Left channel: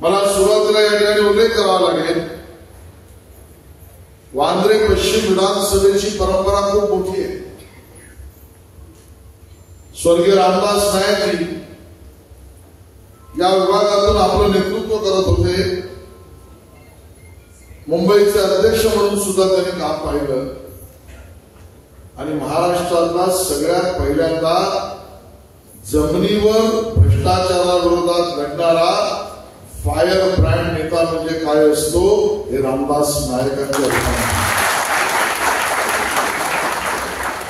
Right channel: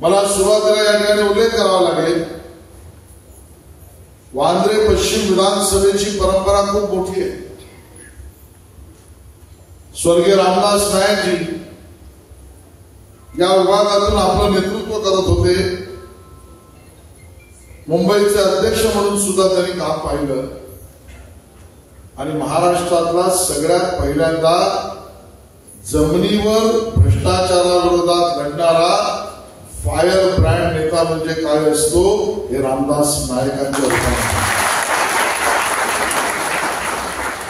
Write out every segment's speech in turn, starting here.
मला सुरुवातीला या ठिकाणी उल्लेख करावा लागेल, वांद्रे पश्चिम विधानसभेची परंपरा खूप मोठी आहे. स्वर्गीय रामदास नाईकजी या विभागातून आपलं नेतृत्व करत होते. मुंबईचे अध्यक्ष म्हणून सुद्धा त्यांनी काम पाहिलं आणि महाराष्ट्रातला सगळ्यात पहिल्यांदा जमिनीवर भ्रष्टाचाराविरोधात लढणारा फायर ब्रँड नेता म्हणजे काय असतो हे रामदास नाईकांचे उदाहरण.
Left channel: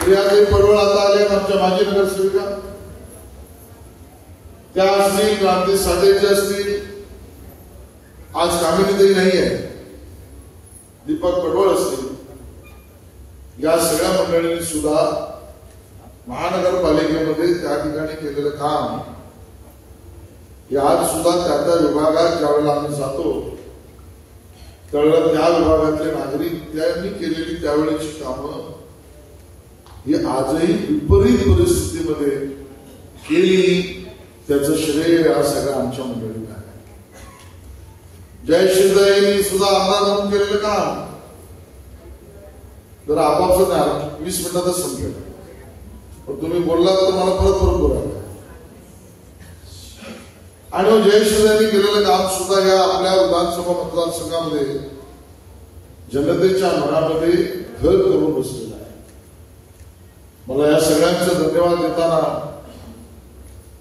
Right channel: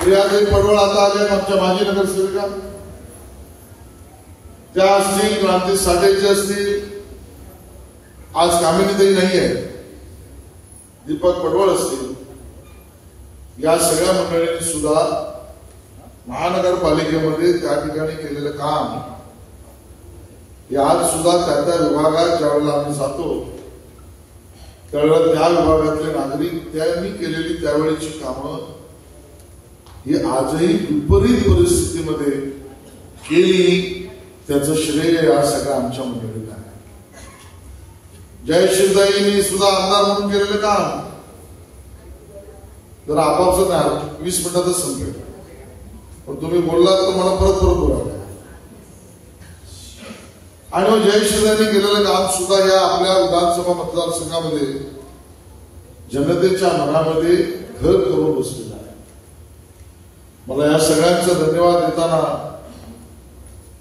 प्रियाताई पडवळ आता आले, आमच्या माजी नगरसेविका, त्या असतील, क्रांती साजेचे असतील, आज कामिनीताई नाही आहे, दीपक पडवळ असतील, या सगळ्या मंडळींनी सुद्धा महानगरपालिकेमध्ये त्या ठिकाणी केलेलं काम हे आज सुद्धा त्या विभागात ज्यावेळेला आम्ही जातो त्यावेळेला त्या विभागातले नागरिक त्यांनी केलेली त्यावेळेची कामं ही आजही विपरीत परिस्थितीमध्ये केली, त्याचं श्रेय या सगळ्या आमच्या मंडळीला आहे. जयश्रीताईंनी सुद्धा आमदार म्हणून केलेलं काम जर आपापसात नाही, 20 मिनिटातच संपेल, पण तुम्ही बोललात तर मला परत बोलावं. आणि मग जयश्रीताईंनी केलेलं काम सुद्धा या आपल्या विधानसभा मतदारसंघामध्ये जनतेच्या मनामध्ये घर करून बसलेलं आहे. मला या सगळ्यांचा धन्यवाद देताना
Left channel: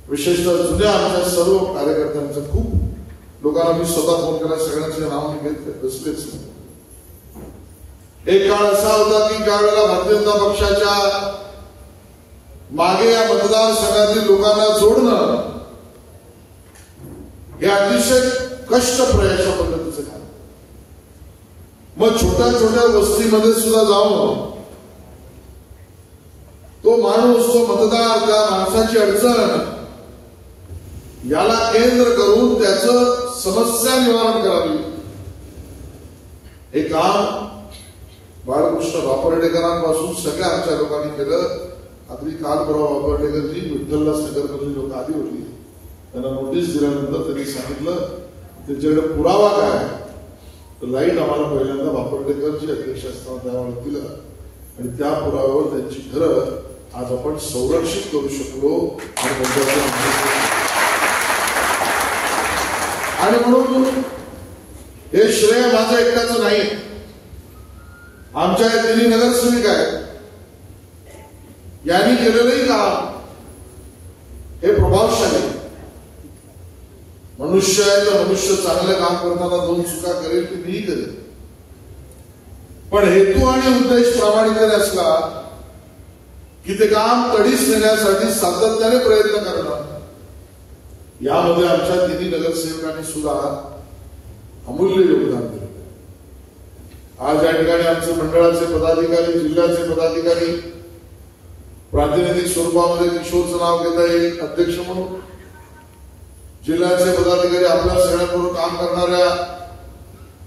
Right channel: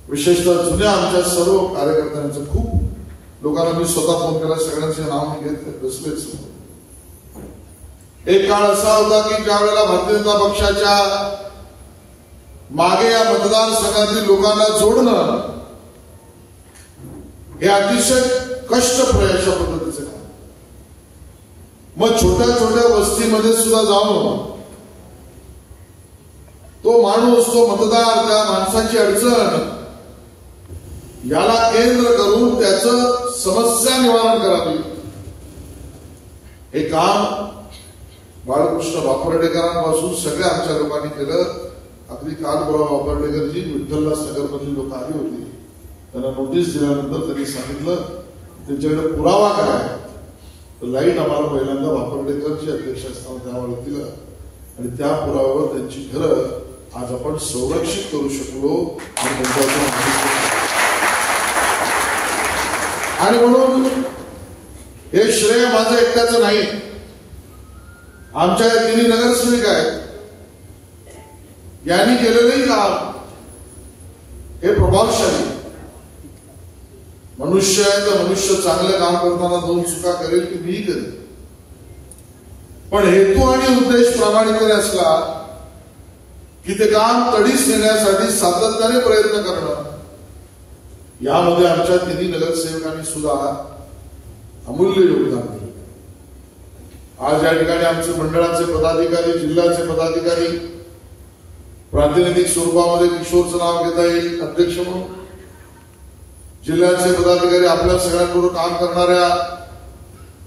विशेषतः जुन्या आमच्या सर्व कार्यकर्त्यांचं, खूप लोकांना मी स्वतः फोन केला, सगळ्यांचे नाव मी घेतले बसलेच. एक काळ असा होता की ज्या वेळेला भारतीय जनता पक्षाच्या मागे या मतदारसंघातील लोकांना जोडणं हे अतिशय कष्टप्रद अशा पद्धतीचं काम. मग छोट्या छोट्या वस्तीमध्ये सुद्धा जाऊन तो माणूस, तो मतदार, त्या माणसाची अडचण याला केंद्र करून त्याचं समस्या निवारण करावी, हे काम बाळकृष्ण वापर्डेकरांपासून सगळ्या आमच्या लोकांनी केलं. अगदी काल परवा वापर्डेकरजी विठ्ठलदास नगरमधली लोक आली होती, त्यांना नोटीस दिल्यानंतर त्यांनी सांगितलं त्यांच्याकडे पुरावा काय, तर लाईट आम्हाला पहिल्यांदा वापर्डेकरची अध्यक्ष असताना द्यावं लागतील आणि त्या पुराव्यावर त्यांची घरं आज आपण संरक्षित करू शकलो. आणि म्हणून हे श्रेय माझं एकट्याचं नाही, आमच्या तिन्ही नगरसेविका आहेत, यांनी केलेलंही काम हे प्रभावशाली. मनुष्य आहे तर मनुष्य चांगलं काम करताना दोन चुका करेल की मी करेल, पण हेतू आणि उद्देश प्रामाणिकपणे असला की ते काम तडीस नेण्यासाठी सातत्याने प्रयत्न करणं, यामध्ये आमच्या तिन्ही नगरसेवकांनी सुद्धा अमूल्य योगदान दिलं. आज या ठिकाणी आमचे मंडळाचे पदाधिकारी, जिल्ह्याचे पदाधिकारी, प्रातिनिधिक स्वरूपामध्ये किशोरचं नाव घेता येईल अध्यक्ष म्हणून, जिल्ह्याचे पदाधिकारी, आपल्या सगळ्यांबरोबर काम करणाऱ्या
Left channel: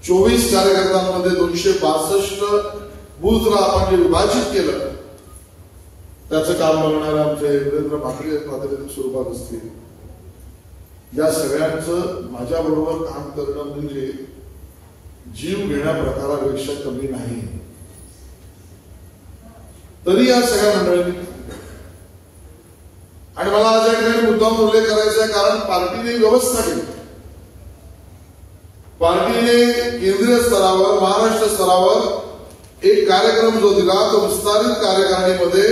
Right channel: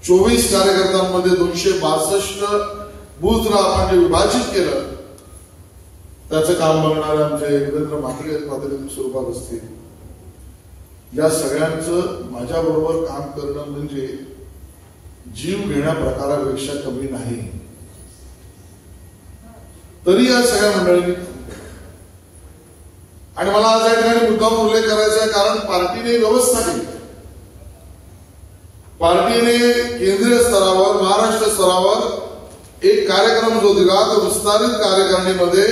24 कार्यकर्त्यांमध्ये 262 बूथला आपण जे विभाजित केलं त्याचं काम बघणारे आमचे वीरेंद्र म्हात्रे प्रातिनिधिक स्वरूपात असतील, या सगळ्यांचं माझ्याबरोबर काम करणं म्हणजे जीव घेण्या प्रकारापेक्षा कमी नाही. तरी या सगळ्या मंडळींनी आणि मला आज या ठिकाणी मुद्दाम उल्लेख करायचा आहे, कारण पार्टीने व्यवस्था केली. पार्टीने केंद्रीय स्तरावर, महाराष्ट्र स्तरावर एक कार्यक्रम जो दिला तो विस्तारित कार्यकारिणीमध्ये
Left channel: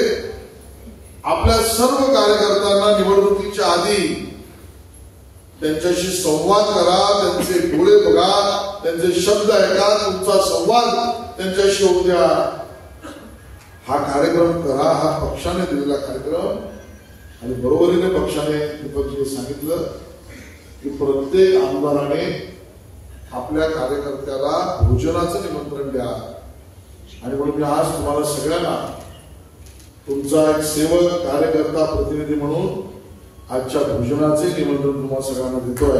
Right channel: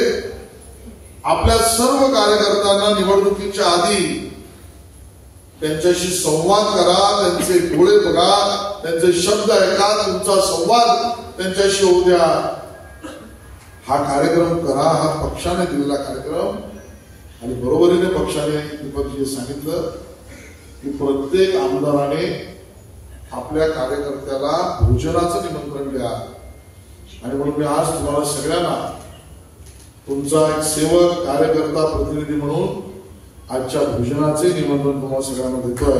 आपल्या सर्व कार्यकर्त्यांना निवडणुकीच्या आधी त्यांच्याशी संवाद करा, त्यांचे डोळे बघा, त्यांचे शब्द ऐका, तुमचा संवाद त्यांच्याशी होऊ द्या, हा कार्यक्रम करा. हा पक्षाने दिलेला कार्यक्रम. आणि बरोबरीने पक्षाने दीपकजी सांगितलं की प्रत्येक आमदाराने आपल्या कार्यकर्त्याला भोजनाचं निमंत्रण द्या. आणि म्हणून मी आज तुम्हाला सगळ्यांना तुमचा एक सेवक, कार्यकर्ता, प्रतिनिधी म्हणून आजच्या भोजनाचे निमंत्रण तुम्हाला सगळ्यांना देतोय.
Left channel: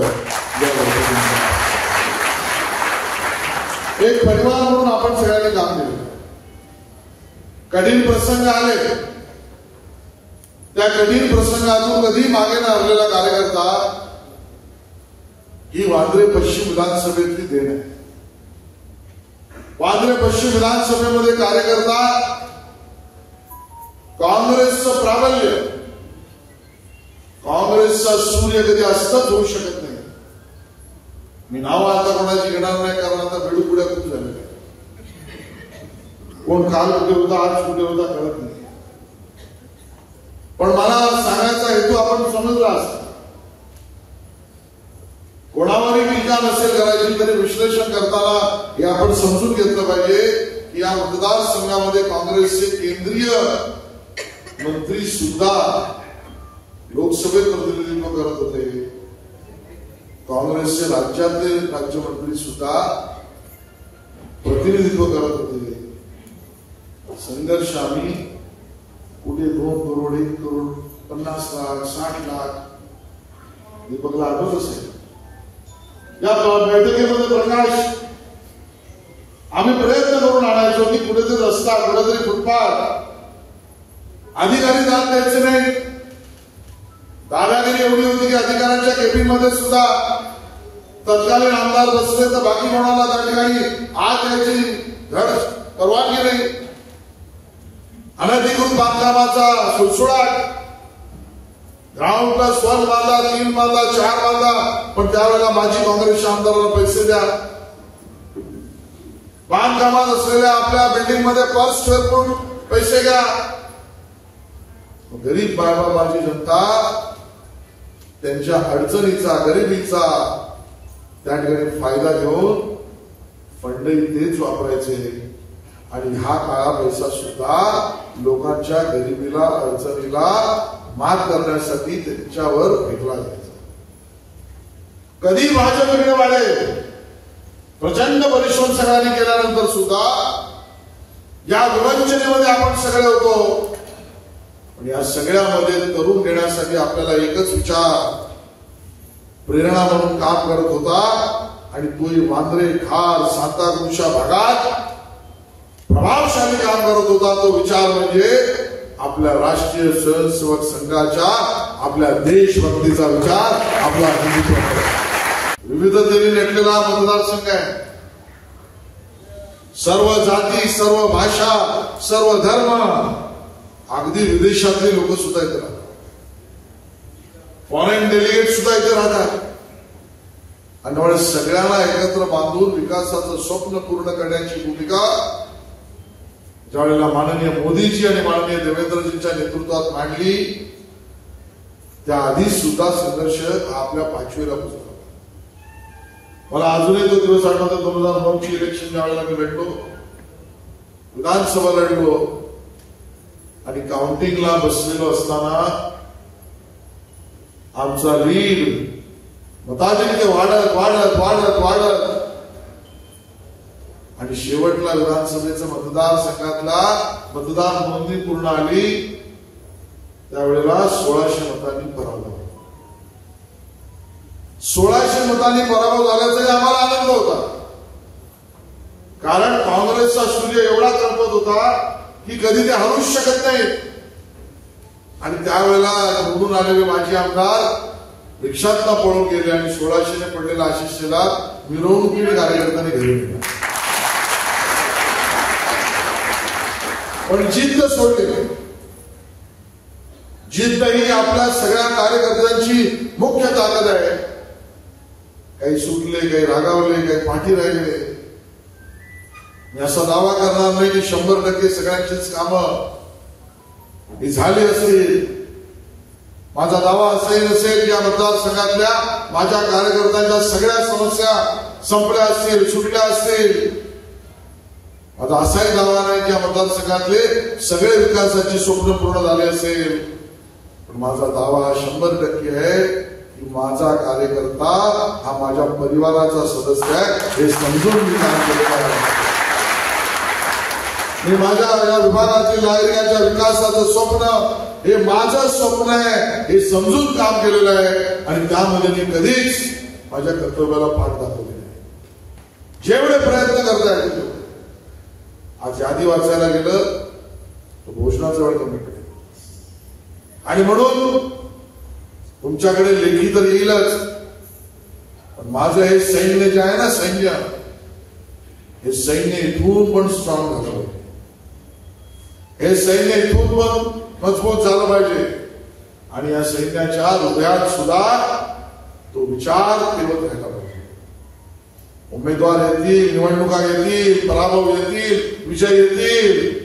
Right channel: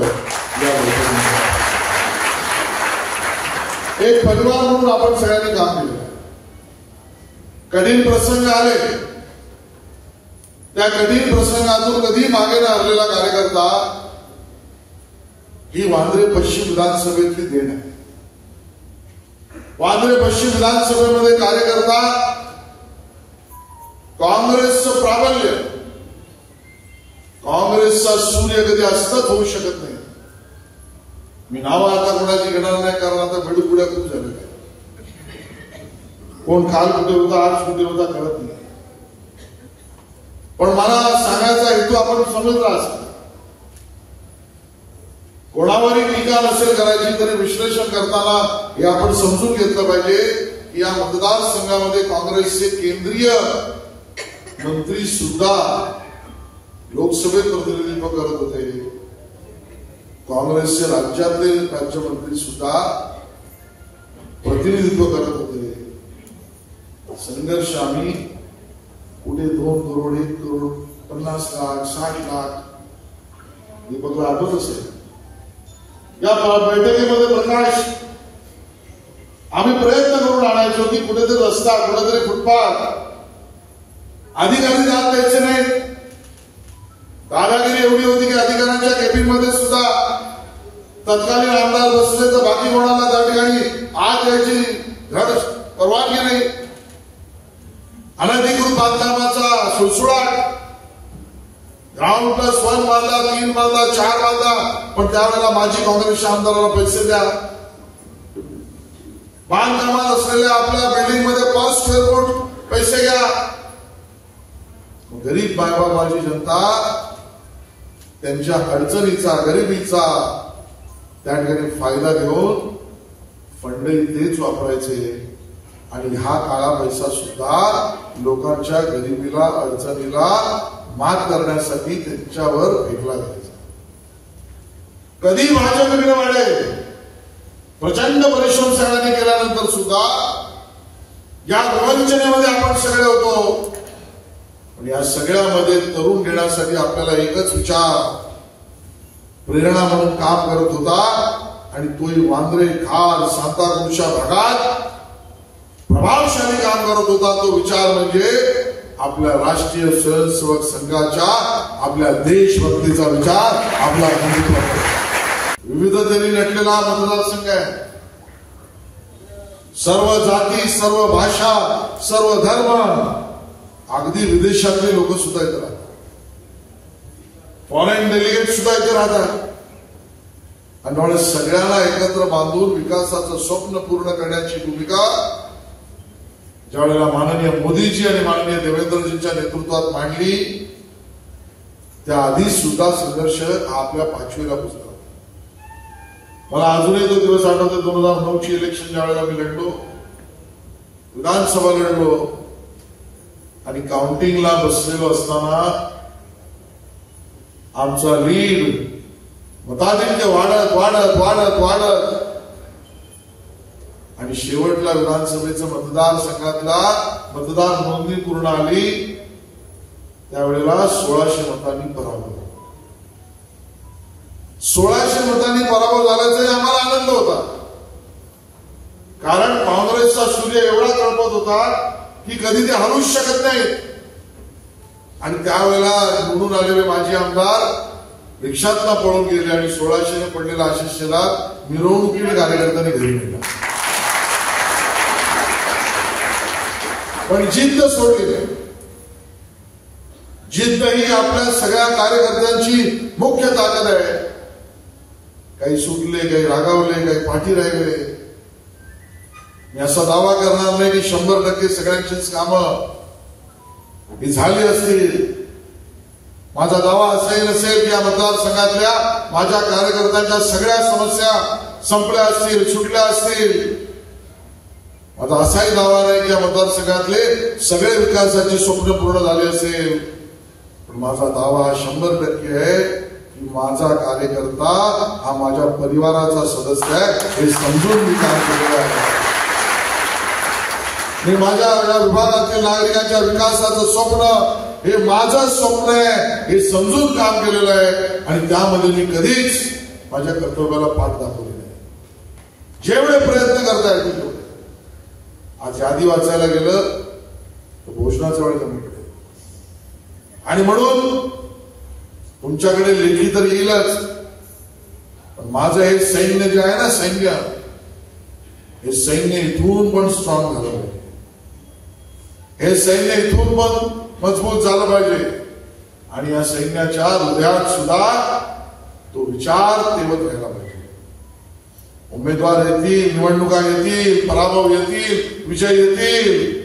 एक परिवार म्हणून आपण सगळ्यांनी काम केलं. कठीण प्रसंग आले, त्या कठीण प्रसंगातून कधी मागे न हरलेला कार्यकर्ता ही वांद्रे पश्चिम विधानसभेतली देण आहे. वांद्रे पश्चिम विधानसभेमध्ये कार्यकर्ता काँग्रेसचं प्राबल्य, काँग्रेसचा सूर्य कधी अस्तच होऊ शकत नाही. मी नावं आता कोणाची घेणार नाही, कारण आता बेडूपुड्या खूप झालेल्या. कोण काल कुठे होता, आज कुठे होता कळत नाही. पण मला सांगायचा हेतू आपण समजला असता. कोणावरही टीका नसेल करायची, तरी विश्लेषण करताना हे आपण समजून घेतलं पाहिजे की या मतदारसंघामध्ये काँग्रेसचे केंद्रीय मंत्री सुद्धा लोकसभेत प्रतिनिधित्व करत होते. काँग्रेसचे राज्यातले राज्यमंत्री सुद्धा प्रतिनिधित्व करत होते. संघर्ष आम्ही कुठे 2 करोड 1 करोड 50 लाख 60 लाख दीपकला आठवत असेल. या बैठकीमध्ये प्रकाश आम्ही प्रयत्न करून आणायचो की कुठेतरी रस्ता, कुठेतरी फुटपाथ, अधिकारी जात द्यायचे नाही. दादागिरी एवढी होती की अधिकाऱ्यांच्या केबिन मध्ये सुद्धा तत्कालीन आमदार बसले तर बाकी कोणाला त्या ठिकाणी आत यायची धड परवानगी नाही. अनधिकृत बांधकामाचा सुळसुळाट, ग्राउंड प्लस 1 बांधा, 3 बांधा, 4 बांधा, पण त्यावेळेला माजी काँग्रेसच्या आमदाराला पैसे द्या. बांधकामात असलेल्या आपल्या बिल्डिंग मध्ये पर स्क्वेअर फूट पैसे घ्या. गरीब बायबाबाची जनता त्यांच्या अडचणीचा, गरिबीचा त्या ठिकाणी फायदा घेऊन फंडही तेच वापरायचे. आणि हा काळा पैसा सुद्धा लोकांच्या गरिबीला, अडचणीला मात करण्यासाठी त्यांच्यावर फेकला जायचा. कधी भाजप इकडे वाढेल, प्रचंड परिश्रम सगळ्यांनी केल्यानंतर सुद्धा या विवंचनेमध्ये आपण सगळे होतो. पण या सगळ्यामध्ये तरुण घेण्यासाठी आपल्याला एकच विचार प्रेरणा म्हणून काम करत होता, आणि तोही वांद्रे, खार, सांताक्रूजच्या भागात प्रभावशाली काम करत होता. तो विचार म्हणजे आपल्या राष्ट्रीय स्वयंसेवक संघाच्या, आपल्या देशभक्तीचा विचार, आपला हिंदुत्व. विविधतेने नटलेला मतदारसंघ आहे. सर्व जाती, सर्व भाषा, सर्व धर्म, अगदी विदेशातले लोक सुद्धा इथे राहतात. फॉरेन डेलिगेट सुद्धा इथे राहतात. आणि सगळ्यांना एकत्र बांधून विकासाचं स्वप्न पूर्ण करण्याची भूमिका ज्यावेळेला माननीय मोदीजी आणि माननीय देवेंद्रजींच्या नेतृत्वात मांडली, त्याआधी सुद्धा संघर्ष आपल्या 5वीला पोहोचला. मला अजूनही तो दिवस आठवतो. 2009ची इलेक्शन ज्या वेळेला मी लढलो, विधानसभा लढलो, आणि काउंटिंगला बसलेलो असताना आमचा लीड मताधिक्य वाढत वाढत वाढत वाढत आणि शेवटला विधानसभेचं मतदारसंघातला मतदार नोंदणी पूर्ण आली, त्यावेळेला 1600 मतांनी पराभव. 1600 मतांनी पराभव झाल्याचा आम्हाला आनंद होता. कारण काँग्रेसचा सूर्य एवढा तळपत होता की कधी ते हलूच शकत नाही. आणि त्यावेळेला निवडून आलेले माजी आमदार रिक्षातनं पळून गेले आणि 1600ने पडलेला आशिष शेलार मिरवणुकीने कार्यकर्त्यांनी घरी नेला. पण जिद्द सोडली नाही. जिद्द ही आपल्या सगळ्या कार्यकर्त्यांची मुख्य ताकद आहे. काही सुटले, काही रागावले, काही पाठी राहिले. मी असा दावा करणार नाही की 100% सगळ्यांचीच कामं ही झाली असतील. माझा दावा असाही नसेल की या मतदारसंघातल्या माझ्या कार्यकर्त्यांच्या सगळ्या समस्या संपल्या असतील, सुटल्या असतील. माझा असाही दावा नाही की या मतदारसंघातले सगळे विकासाची स्वप्न पूर्ण झाले असेल. पण माझा दावा 100% आहे की माझा कार्यकर्ता हा माझ्या परिवाराचा सदस्य आहे, हे समजून मी काम केलेलं आहे. मी माझ्या या विभागातील नागरिकांच्या विकासाचं स्वप्न हे माझं स्वप्न आहे हे समजून काम केलेलं आहे. आणि त्यामध्ये मी कधीच माझ्या कर्तव्याला पाठ दाखवले नाही. जेवढे प्रयत्न करता येतील. आज यादी वाचायला गेलं तर घोषणाचा वेळ कमी पडेल. आणि म्हणून तुमच्याकडे लेखी तर येईलच, पण माझं हे सैन्य जे आहे ना, सैन्य, हे सैन्य इथून पण स्ट्रॉंग झालं पाहिजे, हे सैन्य इथून पण मजबूत झालं पाहिजे आणि या सैन्याच्या हृदयात सुद्धा तो विचार तेवत राहिला पाहिजे. उमेदवार येतील, निवडणुका येतील, पराभव येतील, विजय येतील,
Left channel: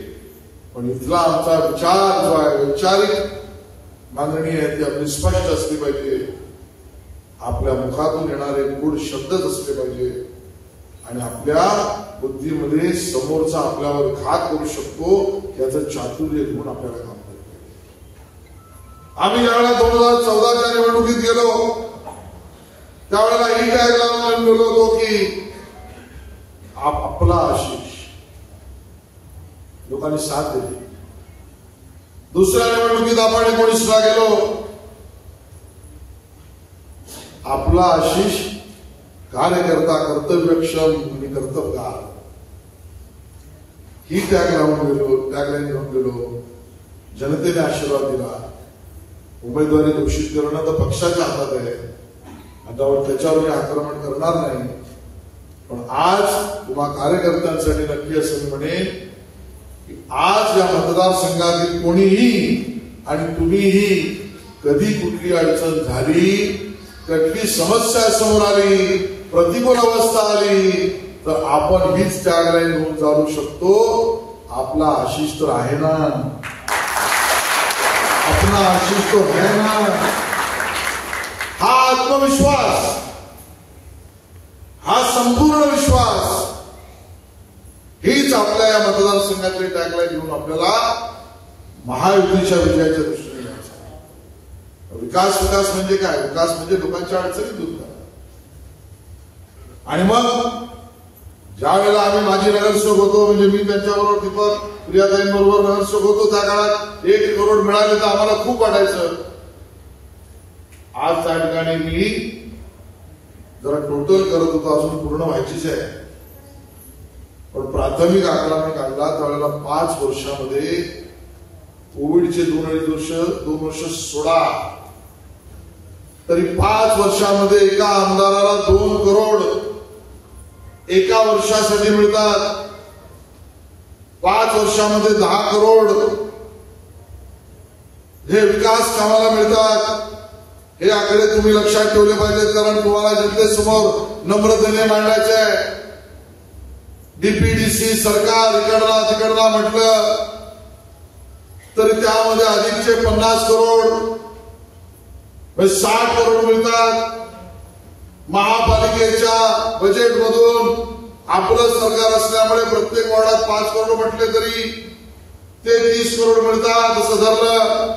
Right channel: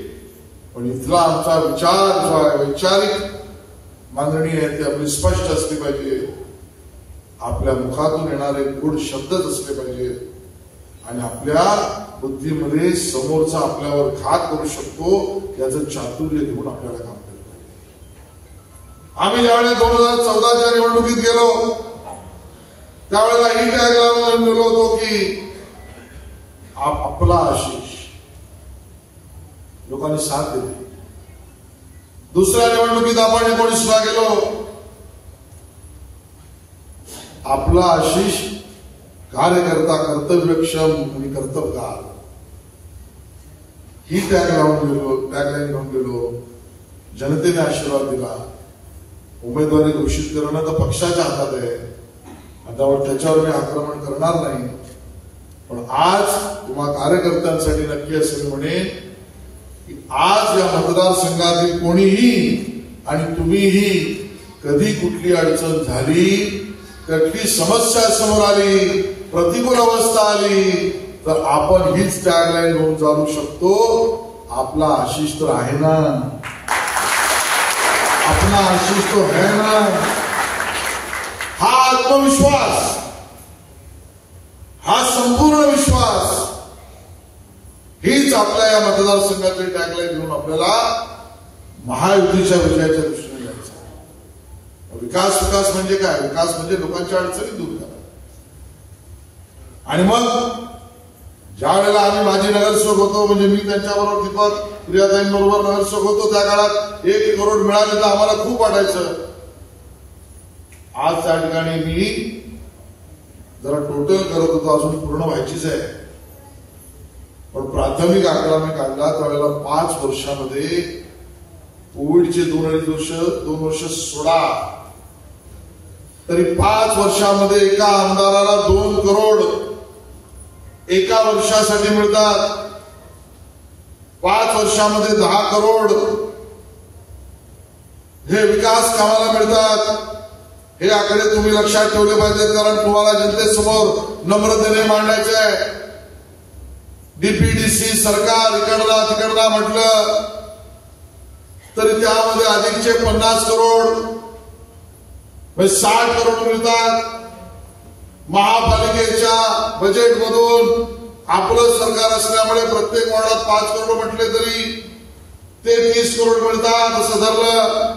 पण इथला आमचा विचार जो आहे, वैचारिक मागणी आहे ती आपली स्पष्ट असली पाहिजे. आपल्या मुखातून येणारे गोड शब्दच असले पाहिजे आणि आपल्या बुद्धीमध्ये समोरचा आपल्यावर घात करू शकतो याचं चातुर्य घेऊन आपल्याला काम करायचं. आम्ही ज्यावेळेला 2014च्या निवडणुकीत गेलो त्यावेळेला ही टॅगलाईन लावून गेलो होतो की आपला आशिष. लोकांनी साथ दिली. दुसऱ्या निवडणुकीत आपण 19ला गेलो, आपला आशिष कार्यकर्ता, कर्तव्यक्षम आणि कर्तव्यगार ही टॅगलाईन घेऊन गेलो. जनतेने आशीर्वाद दिला. उमेदवारी घोषित करणं तर पक्षाच्या हातात आहे, आता त्याच्यावर मी आक्रमण करणार नाही. पण आज तुम्हा कार्यकर्त्यांसाठी नक्की असं मी म्हणेन की आज या मतदारसंघातील कोणीही आणि तुम्हीही कधी कुठली अडचण झाली, कुठली समस्या समोर आली, प्रतिकूल अवस्था आली तर आपण हीच टॅगलाईन घेऊन चालू शकतो. आपला आशिष तर आहे ना, अपना आशिष तो है ना. हा आत्मविश्वास, हा संपूर्ण विश्वास हीच आपल्या या मतदारसंघातली टॅगलाईन घेऊन आपल्याला महायुतीच्या विजयाच्या दृष्टीने जायचं. विकास विकास म्हणजे काय? विकास म्हणजे लोकांच्या अडचणी दूर करा. आणि मग ज्या वेळेला आम्ही माजी नगरसेवक होतो, म्हणजे मी त्यांच्याबरोबर दीपक प्रियाताईंबरोबर नगरसेवक होतो, त्या काळात 1 करोड मिळाले तर आम्हाला खूप वाटायचं. आज त्या ठिकाणी मी जरा टोटल करत होतो, अजून पूर्ण व्हायचीच आहे. पण प्राथमिक आकडा मी काढला त्यावेळेला 5 वर्षामध्ये कोविडचे 2 वर्ष सोडा तरी 5 वर्षामध्ये एका आमदाराला 2 करोड एका वर्षासाठी मिळतात. 5 वर्षामध्ये 10 करोड हे विकास कामाला मिळतात. हे आकडे तुम्ही लक्षात ठेवले पाहिजेत, कारण तुम्हाला जनतेसमोर नम्रतेने मांडायचे आहे. डीपीडीसी सरकार इकडला तिकडला म्हटलं तरी त्यामध्ये अधिकचे 50 करोड 60 करोड मिळतात. महापालिकेच्या बजेटमधून आपलं सरकार असल्यामुळे प्रत्येक वॉर्डात 5 करोड म्हटले तरी ते 30 करोड मिळतात. असं धरलं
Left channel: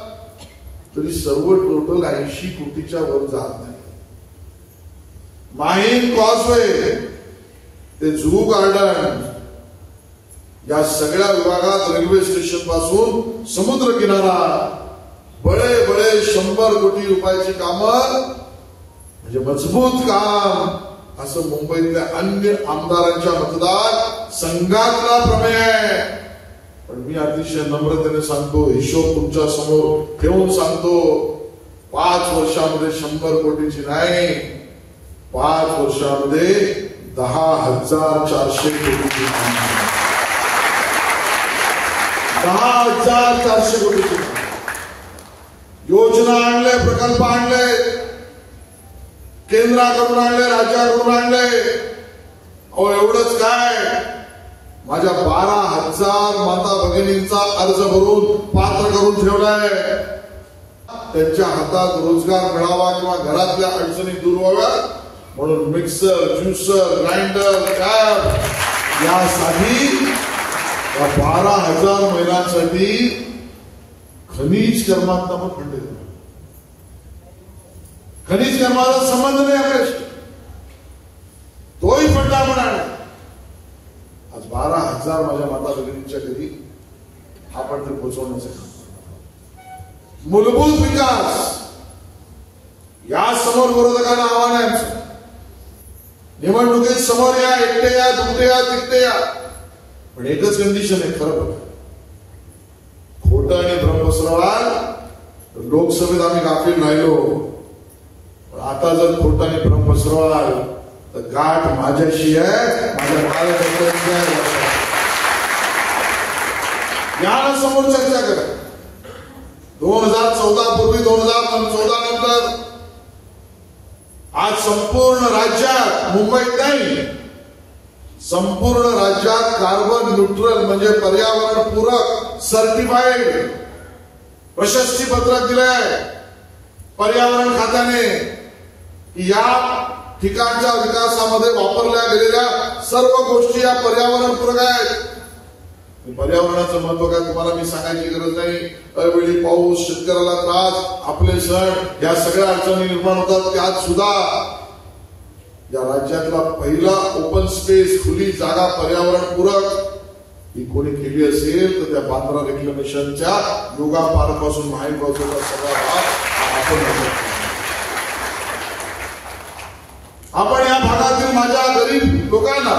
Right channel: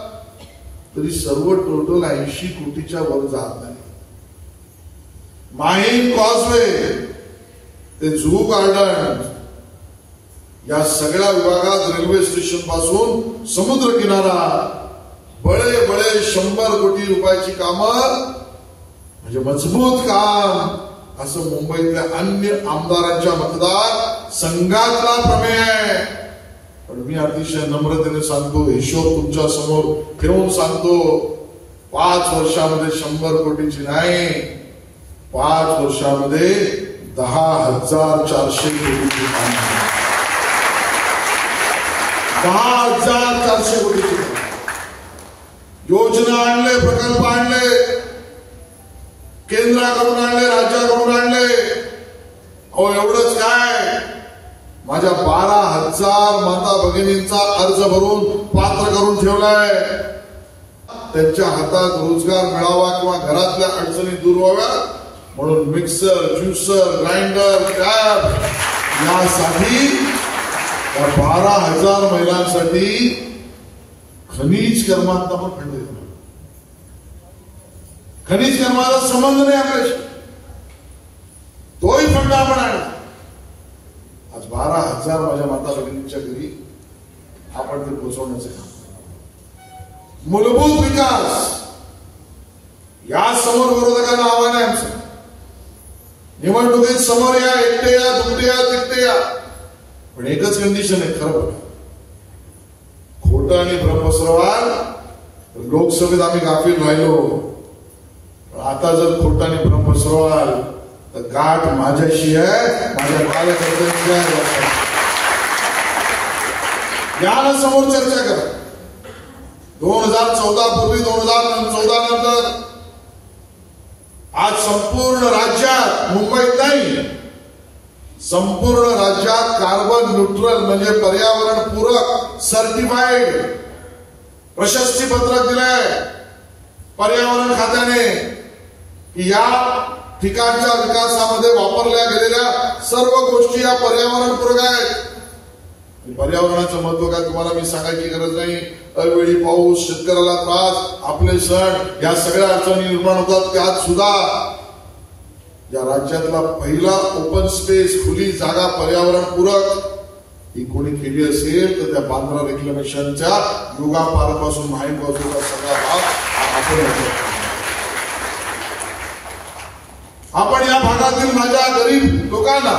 तरी सर्व टोटल 80 कोटीच्या वर जात नाही. माहीम कॉजवे ते जुहू गार्डन या सगळ्या विभागात रेल्वे स्टेशन पासून समुद्र किनारा बडे बडे 100 कोटी रुपयाची कामं, म्हणजे मजबूत काम, असं मुंबईतल्या अन्य आमदारांच्या मतदार संघातला प्रमेय आहे. पण मी अतिशय नम्रतेने सांगतो, हिशोब तुमच्या समोर ठेवून सांगतो, 5 वर्षामध्ये 100 कोटीची नाही, 5 वर्षामध्ये 10,400 कोटीची काम, 10,400 कोटीची काम. योजना आणले, प्रकल्प आणले, केंद्राकडून आणले, राज्याकडून आणले. अहो एवढंच काय, माझ्या 12,000 माता भगिनींचा अर्ज भरून पात्र करून ठेवलाय. त्यांच्या हातात रोजगार मिळावा किंवा घरातल्या अडचणी दूर व्हाव्या म्हणून मिक्सर, ज्युसर, ग्राइंडर, टॅब यासाठी 12,000 महिलांसाठी खनिज कर्मातला पण फंड देतो. खनिज कर्माचा संबंध नाही आपल्याशी, तोही फंड आपण आणला. आज 12,000 माझ्या माता भगिनींच्या घरी आपण ते पोहोचवण्याचे काम. मूलभूत विकास या समोर विरोधकांना आव्हान आहे आमचं. निवडणुकीत समोर या, एकटे या, दुखते या, तिकटे या, पण एकच कंडिशन आहे, खरं बघा. खोटं आणि भ्रम पसरवाल लोकसभेत आम्ही गाफील राहिलो, पण आता जर खोटं आणि भ्रम पसरवाल तर गाठ माझ्याशी आहे, माझ्या कार्यकर्त्यांची आहे. या ना समोर चर्चा करा. 2014 पूर्वी 2014 नंतर आज संपूर्ण राज्यात, मुंबईत नाही, संपूर्ण राज्यात कार्बन न्यूट्रल म्हणजे पर्यावरण पूरक सर्टिफाईड प्रशस्ती पत्रक दिलंय पर्यावरण खात्याने की या ठिकाणच्या विकासामध्ये वापरल्या गेलेल्या सर्व गोष्टी या पर्यावरण पूरक आहेत. पर्यावरणाचं महत्व काय तुम्हाला मी सांगायची गरज नाही. अवेळी पाऊस, शेतकऱ्याला त्रास, आपले सण, या सगळ्या अडचणी निर्माण होतात. त्यात सुद्धा या राज्यातला पहिला ओपन स्पेस, खुली जागा पर्यावरण पूरक ही कोणी केली असेल तर त्या बांद्रा रेक्लेमेशनच्या योगा पार्कपासून माहीम पासूनचा सगळा भाग आपण या भागातील माझ्या गरीब लोकांना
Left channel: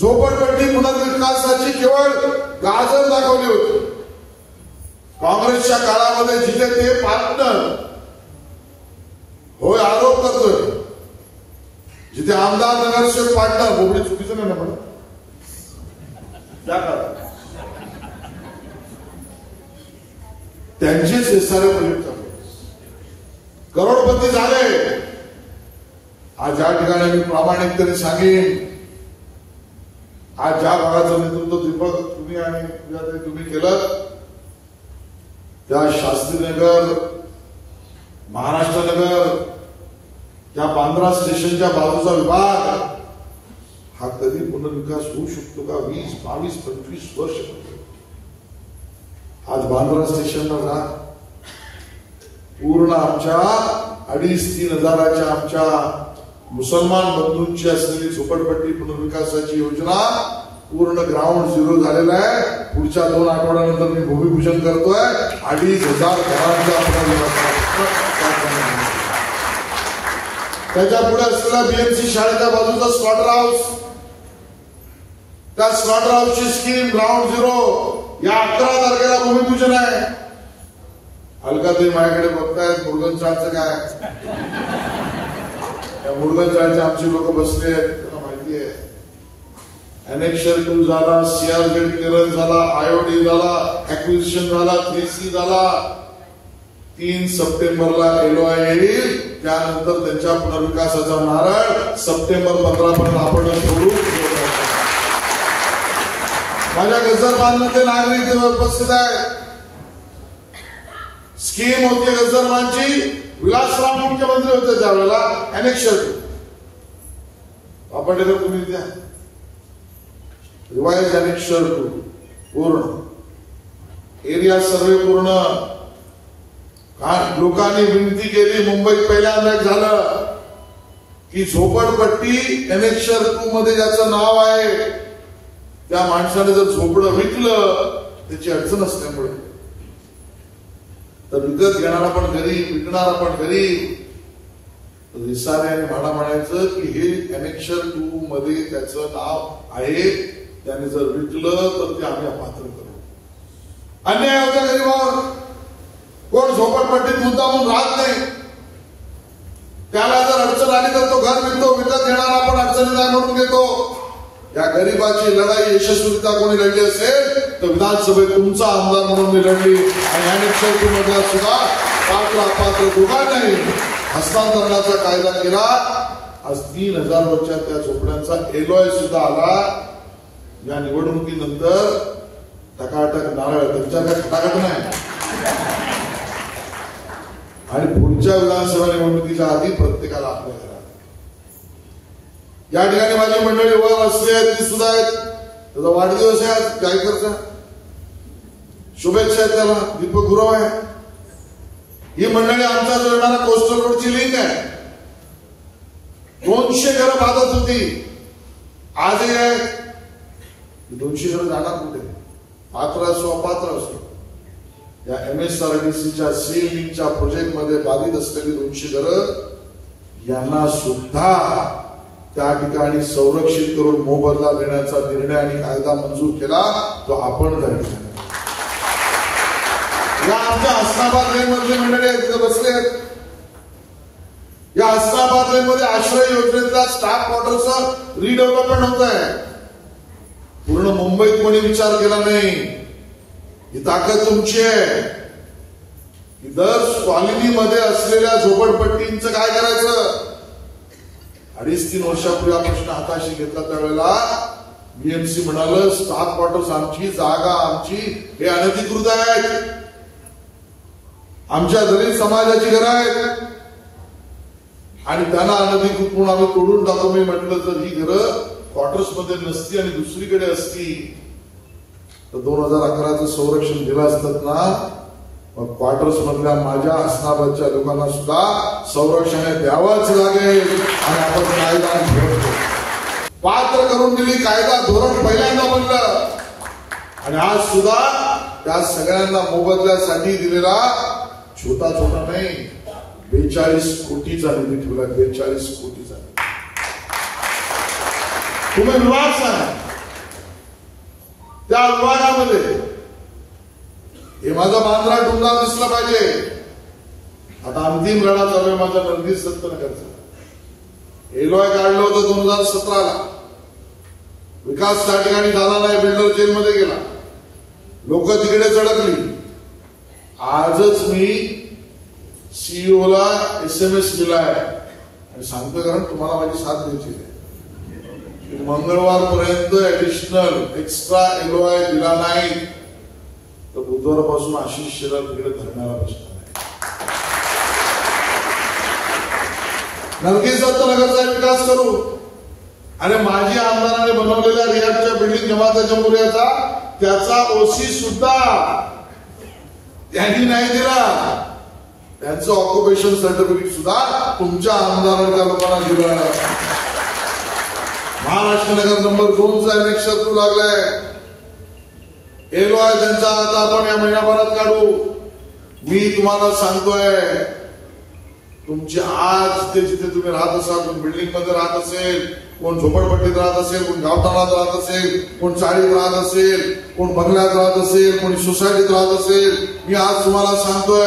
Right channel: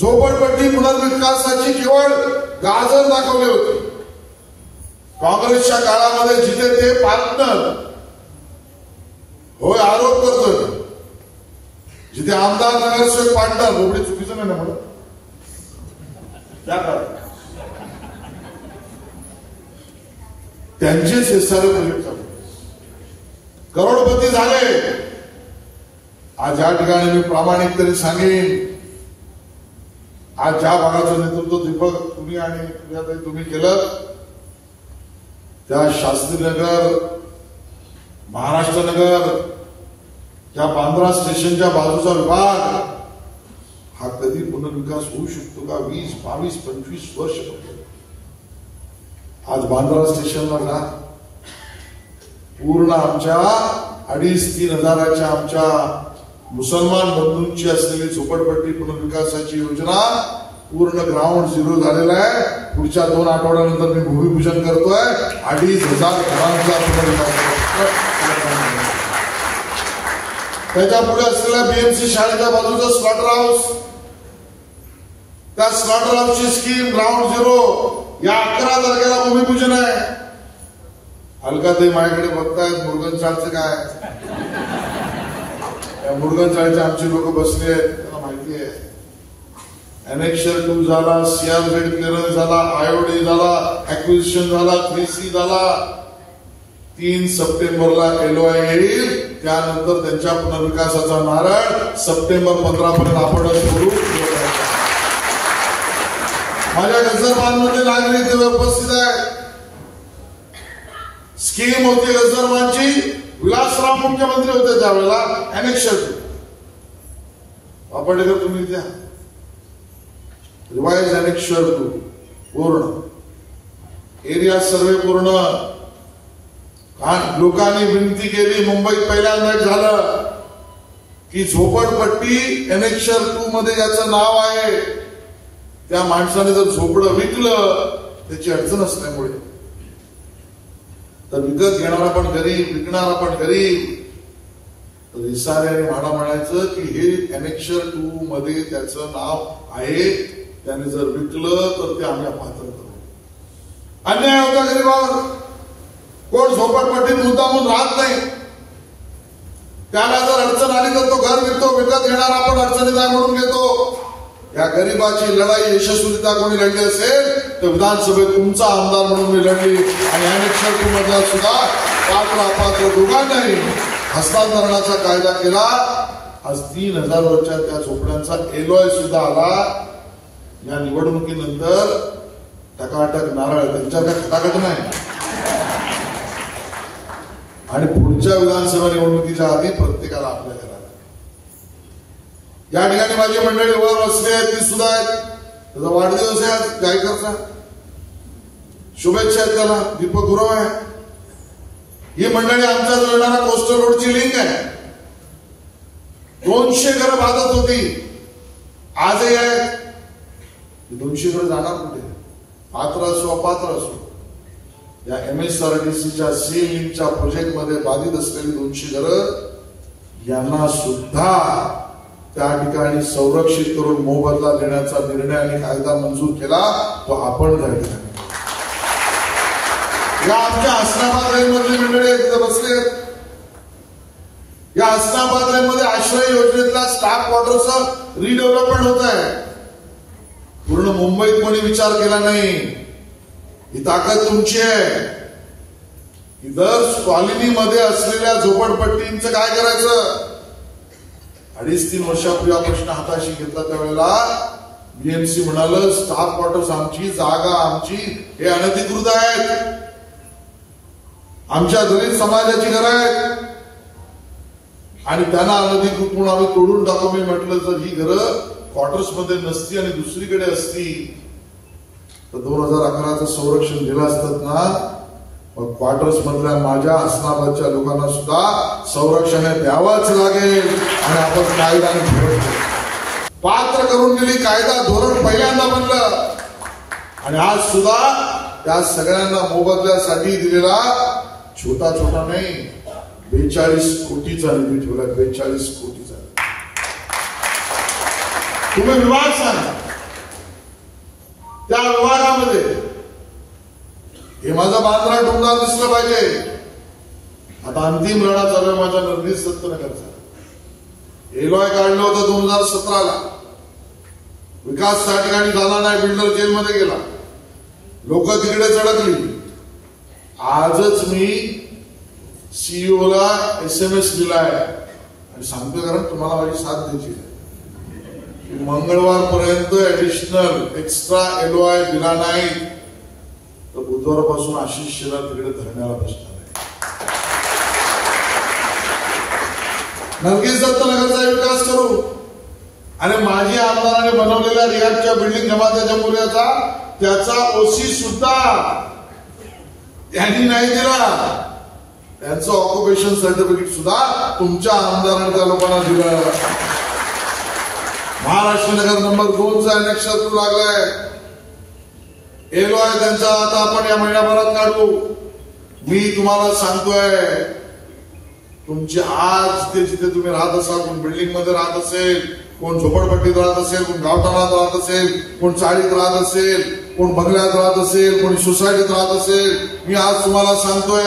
झोपडपट्टी पुनर्विकासाची केवळ गाजर दाखवली होती. काँग्रेसच्या काळामध्ये जिथे ते पार्टनर होय आरोप करतोय, जिथे आमदार नगरसेवक पार्टनर, बोबडी चुकीचं नाही ना म्हणून त्या काळात त्यांचेच हे सारे प्रोजेक्ट चालू, करोडपती झाले. आज या ठिकाणी मी प्रामाणिकपणे सांगेन, आज ज्या भागाचं नेतृत्व दीपक तुम्ही आणि तुम्ही केलं, त्या शास्त्रीनगर, महाराष्ट्र नगर, त्या बांद्रा स्टेशनच्या बाजूचा विभाग हा कधी पुनर्विकास होऊ शकतो का? 20, 22, 25 वर्ष आज बांद्रा स्टेशनला जा, पूर्ण आमच्या 2,500-3,000 हजाराच्या आमच्या मुसलमान बंधूंची असलेली झोपडपट्टी पुनर्विकासाची योजना पूर्ण ग्राउंड झिरो झालेला आहे. पुढच्या 2 आठवड्यानंतर मी भूमिपूजन करतोय. 2,500 घरांचा पुनर्विकास. त्याच्या पुढे असलेल्या बीएमसी शाळेच्या बाजूचा स्लॉटर हाऊस, त्या स्लॉटर हाऊसची स्कीम ग्राउंड झिरो या 11 तारखेला भूमिपूजन आहे. अलकाताई माझ्याकडे बघतायत, मुरगनचाळचं काय, मुरगनचाळचे आमची लोक बसले आहेत, त्यांना माहिती आहे. एनेक्शर 2 झाला, सीआरझेड क्लिअरन्स झाला, आयओडी झाला, ऍक्विजिशन झाला, 3C झाला. 3 सप्टेंबरला LOI येईल. त्यानंतर त्यांच्या पुनर्विकासाचा नारळ सप्टेंबर 15 पर्यंत आपण सुरू. माझ्या गजरबांमध्ये नागरिक तिथे उपस्थित आहे. स्कीम होती गजरबांची, विलासराव मुख्यमंत्री होते त्यावेळेला. एनेक्शर वापरले तुम्ही द्या, रिवाइज एनेक्शर 2 पूर्ण एरिया सर्वे पूर्ण. लोकांनी विनंती केली, मुंबईत पहिल्यांदा झालं की झोपडपट्टी एनेक्शर 2 मध्ये ज्याचं नाव आहे त्या माणसाने जर झोपडं विकलं, त्याची अडचण असल्यामुळे तर विकत घेणारा पण गरीब, विकणारा पण गरीब. विसारे आणि म्हाडा म्हणायचं की हे एनेक्शर 2 मध्ये त्याचं नाव आहे, त्याने जर विकलं तर ते आम्ही अपात्र करू. अन्याय होत्या गरीबावर. कोण झोपडपट्टीत मुद्दामून राहत नाही, त्याला जर अडचण आली तर तो घर विकतो. विकत घेणारा आपण अडचणीला म्हणून घेतो. या गरीबाची लढाई यशस्वीरित्या कोणी लढली असेल तर विधानसभेत तुमचा आमदार म्हणून मी लढली. आणि एनेक्शर 2 मधला सुद्धा पात्र अपात्र दोघांनाही हस्तांतरणाचा कायदा केला. आज 3,000 वरच्या त्या झोपड्यांचा LOI सुद्धा आला. या निवडणुकीनंतर टकाटक नारळ त्यांच्याकडे टकाटक नाही. आणि पुढच्या विधानसभा निवडणुकीच्या आधी प्रत्येकाला आपल्या घरात. या ठिकाणी माझी मंडळी वर असली आहेत, ती सुद्धा आहेत. त्याचा वाढदिवस आहे आज जायकरचा, शुभेच्छा आहेत त्याला. दीपक गुरव आहे. ही मंडळी आमच्या जो येणारा कोस्टल रोडची लिंक आहे. 200 घरं बाधत होती, आजही आहे. 200 घरं जाणार कुठे? पात्र असो अपात्र असो, या MSRDCच्या सी लिंकच्या प्रोजेक्टमध्ये बाधित असलेली 200 घरं यांना सुद्धा त्या ठिकाणी संरक्षित करून मोबदला देण्याचा निर्णय आणि कायदा मंजूर केला. तो आपण त्या ठिकाणी या आमच्या हसनाबाद रेंजमधली मंडळी आहेत, तिथे बसले आहेत. या हसनाबादमध्ये आश्रय योजनेतल्या स्टाफ क्वार्टरचं रिडेव्हलपमेंट होत आहे. पूर्ण मुंबईत कोणी विचार केला नाही. ही ताकद तुमची आहे. दर कॉलनीमध्ये असलेल्या झोपडपट्टींचं काय करायचं? 2.5-3 वर्षापूर्वी हा प्रश्न हाताशी घेतला त्यावेळेला बीएमसी म्हणालं स्टाफ क्वार्टर्स आमची, जागा आमची, हे अनधिकृत आहेत, आमच्या दलित समाजाची घरं आहेत आणि त्यांना अनधिकृत म्हणून आम्ही तोडून टाकू. मी म्हटलं जर ही घरं क्वार्टर्स मध्ये नसती आणि दुसरीकडे असती तर 2011चं संरक्षण दिलं असतात ना. मग क्वार्टर्स मधल्या माझ्या हसनाबादच्या लोकांना सुद्धा संरक्षण द्यावंच लागेल आणि आपण कायदा पात्र करून दिली. कायदा धोरण पहिल्यांदा बनलं आणि आज सुद्धा त्या सगळ्यांना मोबदल्यासाठी दिलेला छोटा छोटा नाही 42 कोटीचा निधी ठेवला. 42 कोटीचा. तुम्ही विभाग सांगा त्या विभागामध्ये हे माझा बांद्रा टुमदार दिसला पाहिजे. आता अंतिम लढा चालू आहे माझ्या नर्गीस दत्तनगरचा. एलॉय काढलं होतं 2017ला. विकास त्या ठिकाणी झाला नाही. बिल्डर जेलमध्ये गेला. लोक तिकडे चढकली. आजच मी सीईओला SMS लिहिलाय आणि सांगतोय कारण तुम्हाला माझी साथ द्यायची आहे. मंगळवारपर्यंत ऍडिशनल एक्स्ट्रा एलॉय दिला नाही तर बुधवारपासून आशिष शेलार तिकडे धरण्याला बसणार आहे. नर्गीस दत्तनगरचा विकास करू आणि माजी आमदारांनी बनवलेल्या रियाजच्या बिल्डिंग जमाते जमहुरियाचा त्याचा ओसी सुद्धा त्यांनी नाही दिला. त्यांचं ऑक्युपेशन सर्टिफिकेट सुद्धा तुमच्या आमदारांच्या लोकांना दिलं. महाराष्ट्र नगर नंबर 2चा एनेक्स लागलाय. एलॉय त्यांचा आता आपण या महिन्याभरात काढू. मी तुम्हाला सांगतोय तुमची आज जिथे तुम्ही राहत असाल, कोण बिल्डिंग मध्ये राहत असेल, कोण झोपडपट्टीत राहत असेल, कोण गावठाणात राहत असेल, कोण चाळीत राहत असेल, कोण बंगल्यात राहत असेल, कोणी सोसायटीत राहत असेल, मी आज तुम्हाला सांगतोय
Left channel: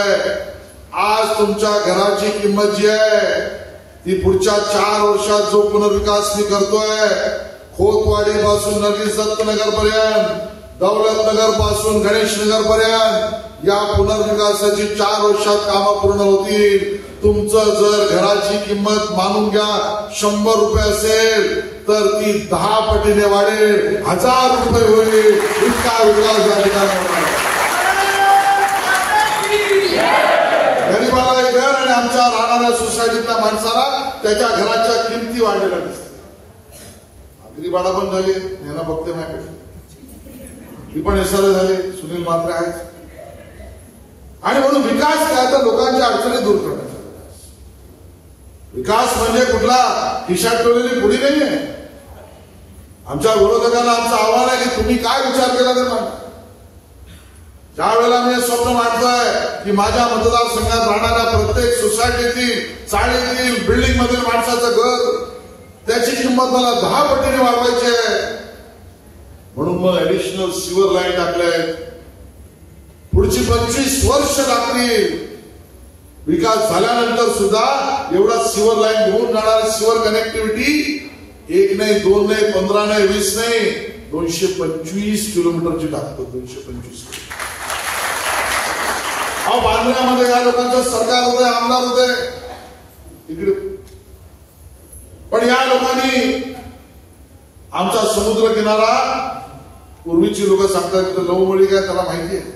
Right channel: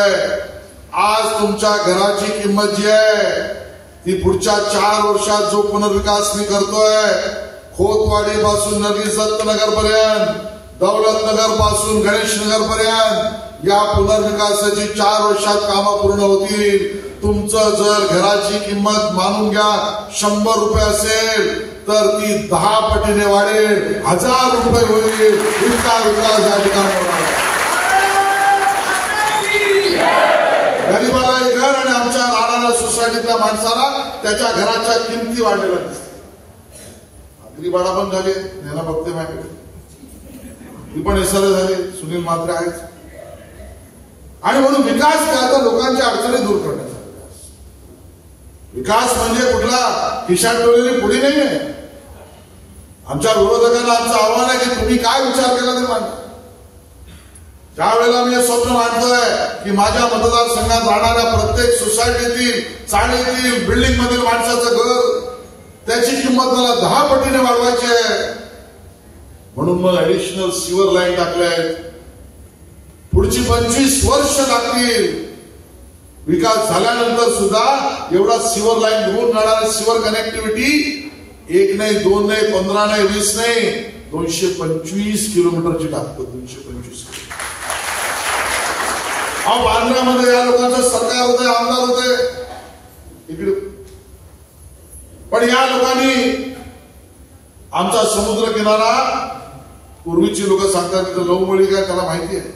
आज तुमच्या घराची किंमत जी आहे ती पुढच्या 4 वर्षात जो पुनर्विकास मी करतोय खोतवाडी पासून नर्गीस दत्तनगर पर्यंत, दौलतनगर पासून गणेश नगर पर्यंत या पुनर्विकासाची 4 वर्षात कामं पूर्ण होतील. तुमचं जर घराची किंमत मानून घ्या 100 रुपये असेल तर ती 10 पटीने वाढेल, 1000 रुपये होईल. इतका विकास या ठिकाणी होणार. गरीबाला एक घर आणि आमच्या राहणाऱ्या सोसायटीतल्या माणसाला त्याच्या घराच्या किमती वाढलेल्या दिसतात. गरीबाला पण झाले यांना बघते माझ्याकडे. ती पण एसआरए झाले. सुनील म्हात्रे आहेत. आणि म्हणून विकास काय तर लोकांच्या अडचणी दूर करण्याचा विकास म्हणजे कुठला खिशात ठेवलेली पुढी नाहीये. आमच्या विरोधकांना आमचं आव्हान आहे की तुम्ही काय विचार केला ते मांडा. ज्या वेळेला मी हे स्वप्न मांडतोय की माझ्या मतदारसंघात राहणाऱ्या प्रत्येक सोसायटीतील, चाळीतील, बिल्डिंग मधील माणसाचं घर त्याची किंमत मला 10 पटीने वाढवायची आहे. म्हणून मग ऍडिशनल सिव्हर लाईन टाकल्यात. पुढची 25 वर्ष लागतील. विकास झाल्यानंतर सुद्धा एवढा सिव्हर लाईन घेऊन जाणारा सिव्हर कनेक्टिव्हिटी 1 नाही, 2 नाही, 15 नाही, 20 नाही, 225 किलोमीटरची टाकतो. 225 बांद्र्यामध्ये या लोकांचं सरकार होते, आमदार होते इकडे. पण या लोकांनी आमचा समुद्र किनारा, पूर्वीची लोक सांगतात तिथं लवमळी काय त्याला माहिती आहे.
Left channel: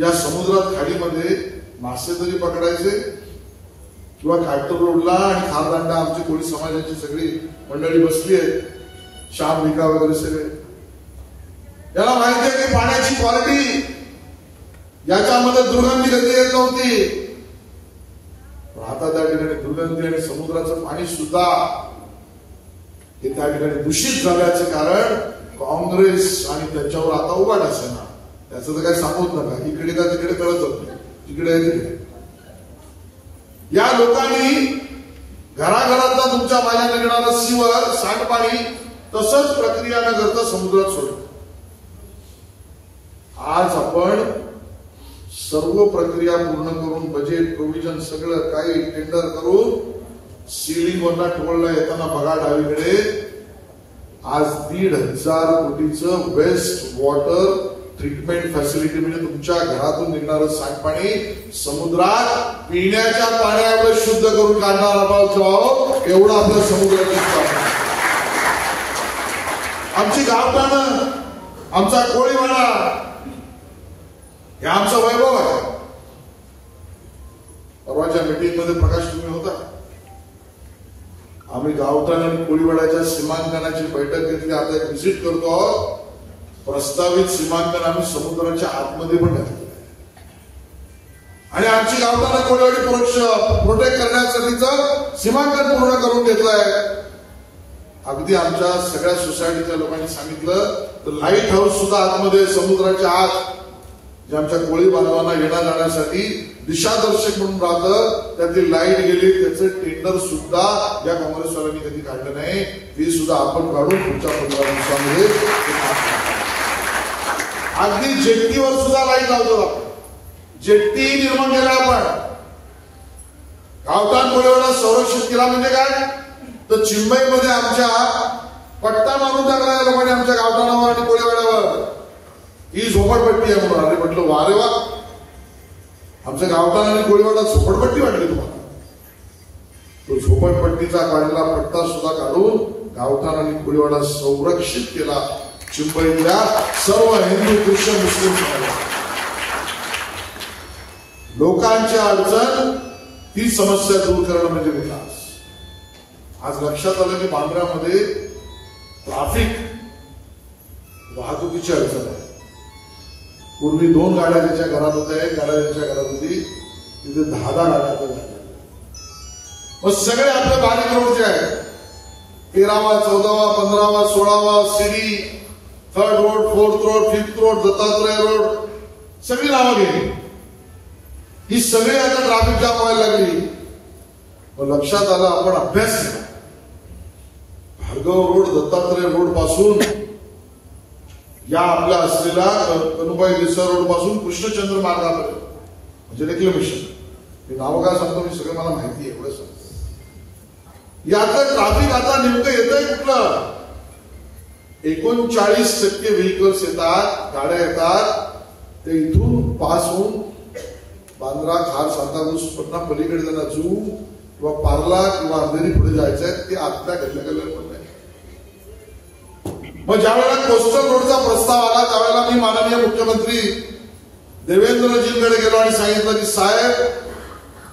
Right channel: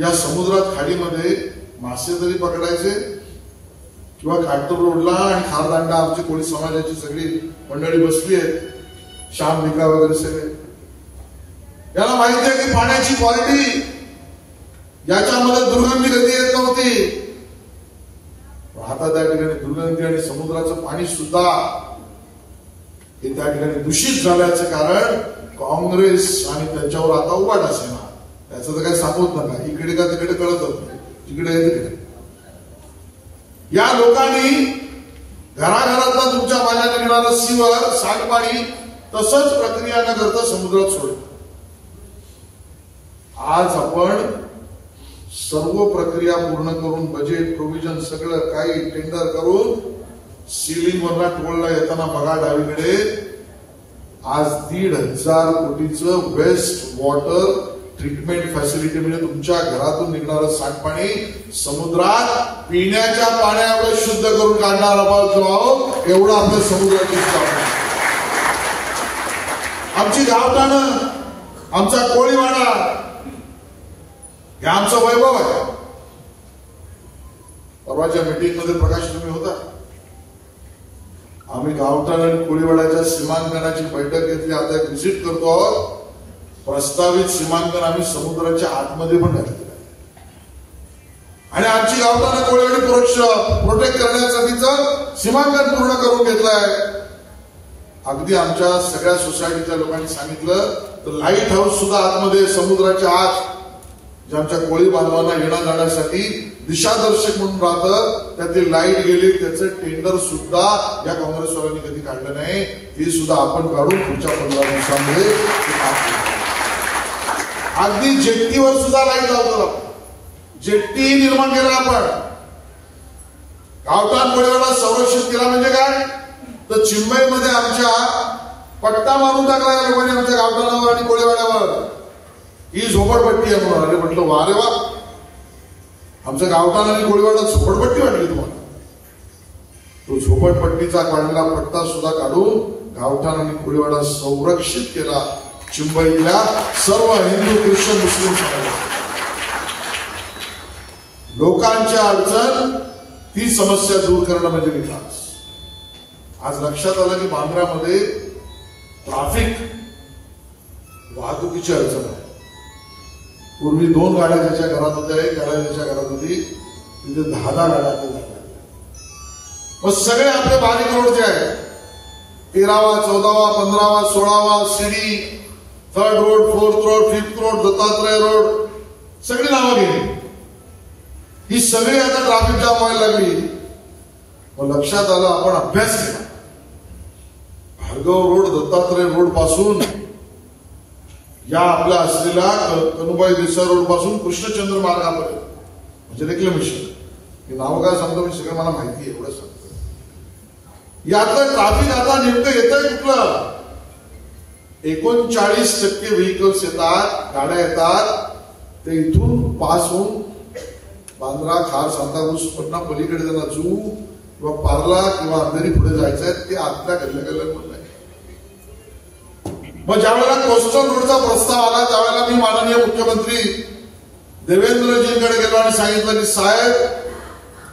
या समुद्रात खाडीमध्ये मासे तरी पकडायचे किंवा घाटकोपर रोडला आणि खारदांडा आमची कोळी समाजाची सगळी मंडळी बसली आहे, श्याम भिका वगैरे सगळे. याला माहिती आहे की पाण्याची क्वालिटी याच्यामध्ये दुर्गंधी कधी येत नव्हती. आता त्या ठिकाणी दुर्गंधी आणि समुद्राचं पाणी सुद्धा हे त्या ठिकाणी दूषित झाल्याचं कारण काँग्रेस आणि त्यांच्यावर आता उघाड असे ना. त्याचं तर काही सांगत नका. इकडे का तिकडे कळत होत नाही. तिकडे तिकडे या लोकांनी घराघरातला तुमच्या माझ्या निघणारं सिव्हर, सांडपाणी तसंच प्रक्रिया न करता समुद्रात सोडलं. आज आपण सर्व प्रक्रिया पूर्ण करून बजेट प्रोव्हिजन सगळं काही टेंडर करून सीलिंग वरला टोलला येताना बघा डावीकडे आज 1,500 कोटीचं वेस्ट वॉटर ट्रीटमेंट फॅसिलिटी म्हणजे तुमच्या घरातून निघणारं सांडपाणी समुद्रात पिण्याच्या पाण्यावर शुद्ध करून काढणार आहोत. एवढं आपलं समुद्राची स्थापना. आमची गावठाणं, आमचा कोळीवाडा हे आमचं वैभव आहे. परवाच्या मीटिंग मध्ये प्रकाश तुम्ही होता. आम्ही गावठाण आणि कोळीवाड्याच्या सीमांकनाची बैठक घेतली. आता एक व्हिजिट करतो आहोत. प्रस्तावित सीमांकन आम्ही समुद्राच्या आतमध्ये पण घातलेलं आहे आणि आमची गावठाण कोळीवाडी प्रोटेक्ट करण्यासाठीचं सीमांकन पूर्ण करून घेतलंय. अगदी आमच्या सगळ्या सोसायटीच्या लोकांनी सांगितलं तर लाईट हाऊस सुद्धा आतमध्ये समुद्राच्या आत जे आमच्या कोळी बांधवांना येण्या जाण्यासाठी दिशादर्शक म्हणून राहतं. त्यातली लाईट गेली त्याचं टेंडर सुद्धा या काँग्रेसवाल्यांनी कधी काढलं नाही. ते सुद्धा आपण काढून पुढच्या 15 दिवसांमध्ये अगदी जेट्टीवर सुद्धा लाईट लावतो. आपण जेट्टी निर्माण केला. आपण गावठाण कोळीवाडा संरक्षित केला म्हणजे काय तर चिंबईमध्ये आमच्या पट्टा मारून टाकला या लोकांनी आमच्या गावठाणावर आणि कोळीवाड्यावर. ही झोपडपट्टी आहे म्हणून. अरे म्हटलं वा रे वा, आमच्या गावठाण आणि कोळीवाडा झोपडपट्टी वाटली तुम्हाला. तो झोपडपट्टीचा काढलेला पट्टा सुद्धा काढून गावठाण आणि कोळीवाडा संरक्षित केला. चिंबईतल्या सर्व हिंदू ख्रिश्चन मुस्लिम समाजात लोकांची अडचण ती समस्या दूर करणं म्हणजे विकास. आज लक्षात आलं की बांद्रामध्ये ट्रॅफिक वाहतुकीची अडचण आहे. पूर्वी 2 गाड्या ज्याच्या घरात होत्या, एक गाड्या ज्याच्या घरात होती तिथे 10 गाड्या झाल्या. मग सगळे आपले बारीक रोड जे आहेत 13वा 14वा 15वा 16वा सीडी 3rd road 4th road 5th road Dattatray road सगळी नावं गेली. ही सगळी आता ट्रॅफिक जाम व्हायला लागली. मग लक्षात आलं आपण अभ्यास केला. भार्गव रोड दत्तात्रय रोड पासून या आपल्या असलेला कनुबाई देसाई रोड पासून कृष्णचंद्र मार्गापर्यंत म्हणजे रेक्लेमेशन. मी नाव काय सांगतो मी सगळं मला माहिती आहे. एवढं सांगतो यातलं ट्रॅफिक आता नेमकं येतंय कुठलं. 39% व्हेकल्स येतात, गाड्या येतात. ते इथून पास होऊन बांद्रा खार सांताक्रूज पटना पलीकडे त्यांना जू किंवा पार्ला किंवा अंधेरी पुढे जायचंय ते आपल्या गल्ल्या पण नाही. मग ज्यावेळेला कोस्टल रोडचा प्रस्ताव आला त्यावेळेला मी माननीय मुख्यमंत्री देवेंद्रजींकडे गेलो आणि सांगितलं की साहेब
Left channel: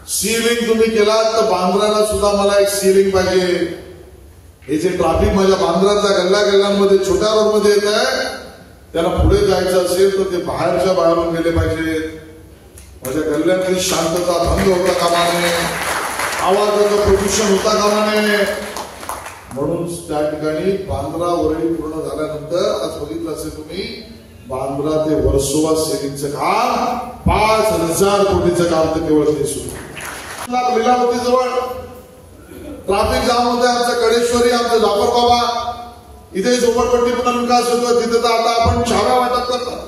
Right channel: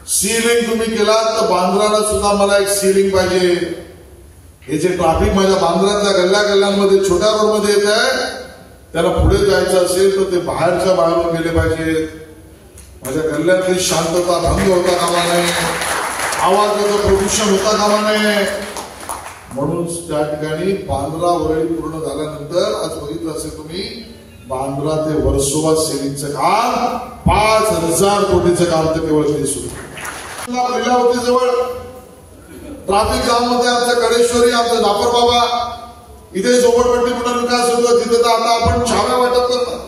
सीलिंग तुम्ही केलात तर बांद्राला सुद्धा मला एक सीलिंग पाहिजे. हे जे ट्रॅफिक माझ्या बांद्रातल्या गल्ल्यांमध्ये छोट्या रोडमध्ये येत आहे त्याला पुढे जायचं असेल तर ते बाहेरच्या बाहेरून गेले पाहिजे. माझ्या गल्ल्यातली शांतता भंग होता कामा नये, आवाजाचं प्रदूषण होता कामा नये. म्हणून त्या ठिकाणी बांद्रा वरळी पूर्ण झाल्यानंतर आज बघितलं असेल तुम्ही बांद्रा ते वर्सोवा सेलिंगचं काम 5,000 कोटीचं काम तर केवळ ते सुरू. लीलावती जवळ ट्रॅफिक जाम होते. आमचं कडेश्वरी आमचं जाफर बाबा इथे झोपडपट्टी पुनर्विकास होतो. तिथे तर आता आपण छाव्या वाटप करतात.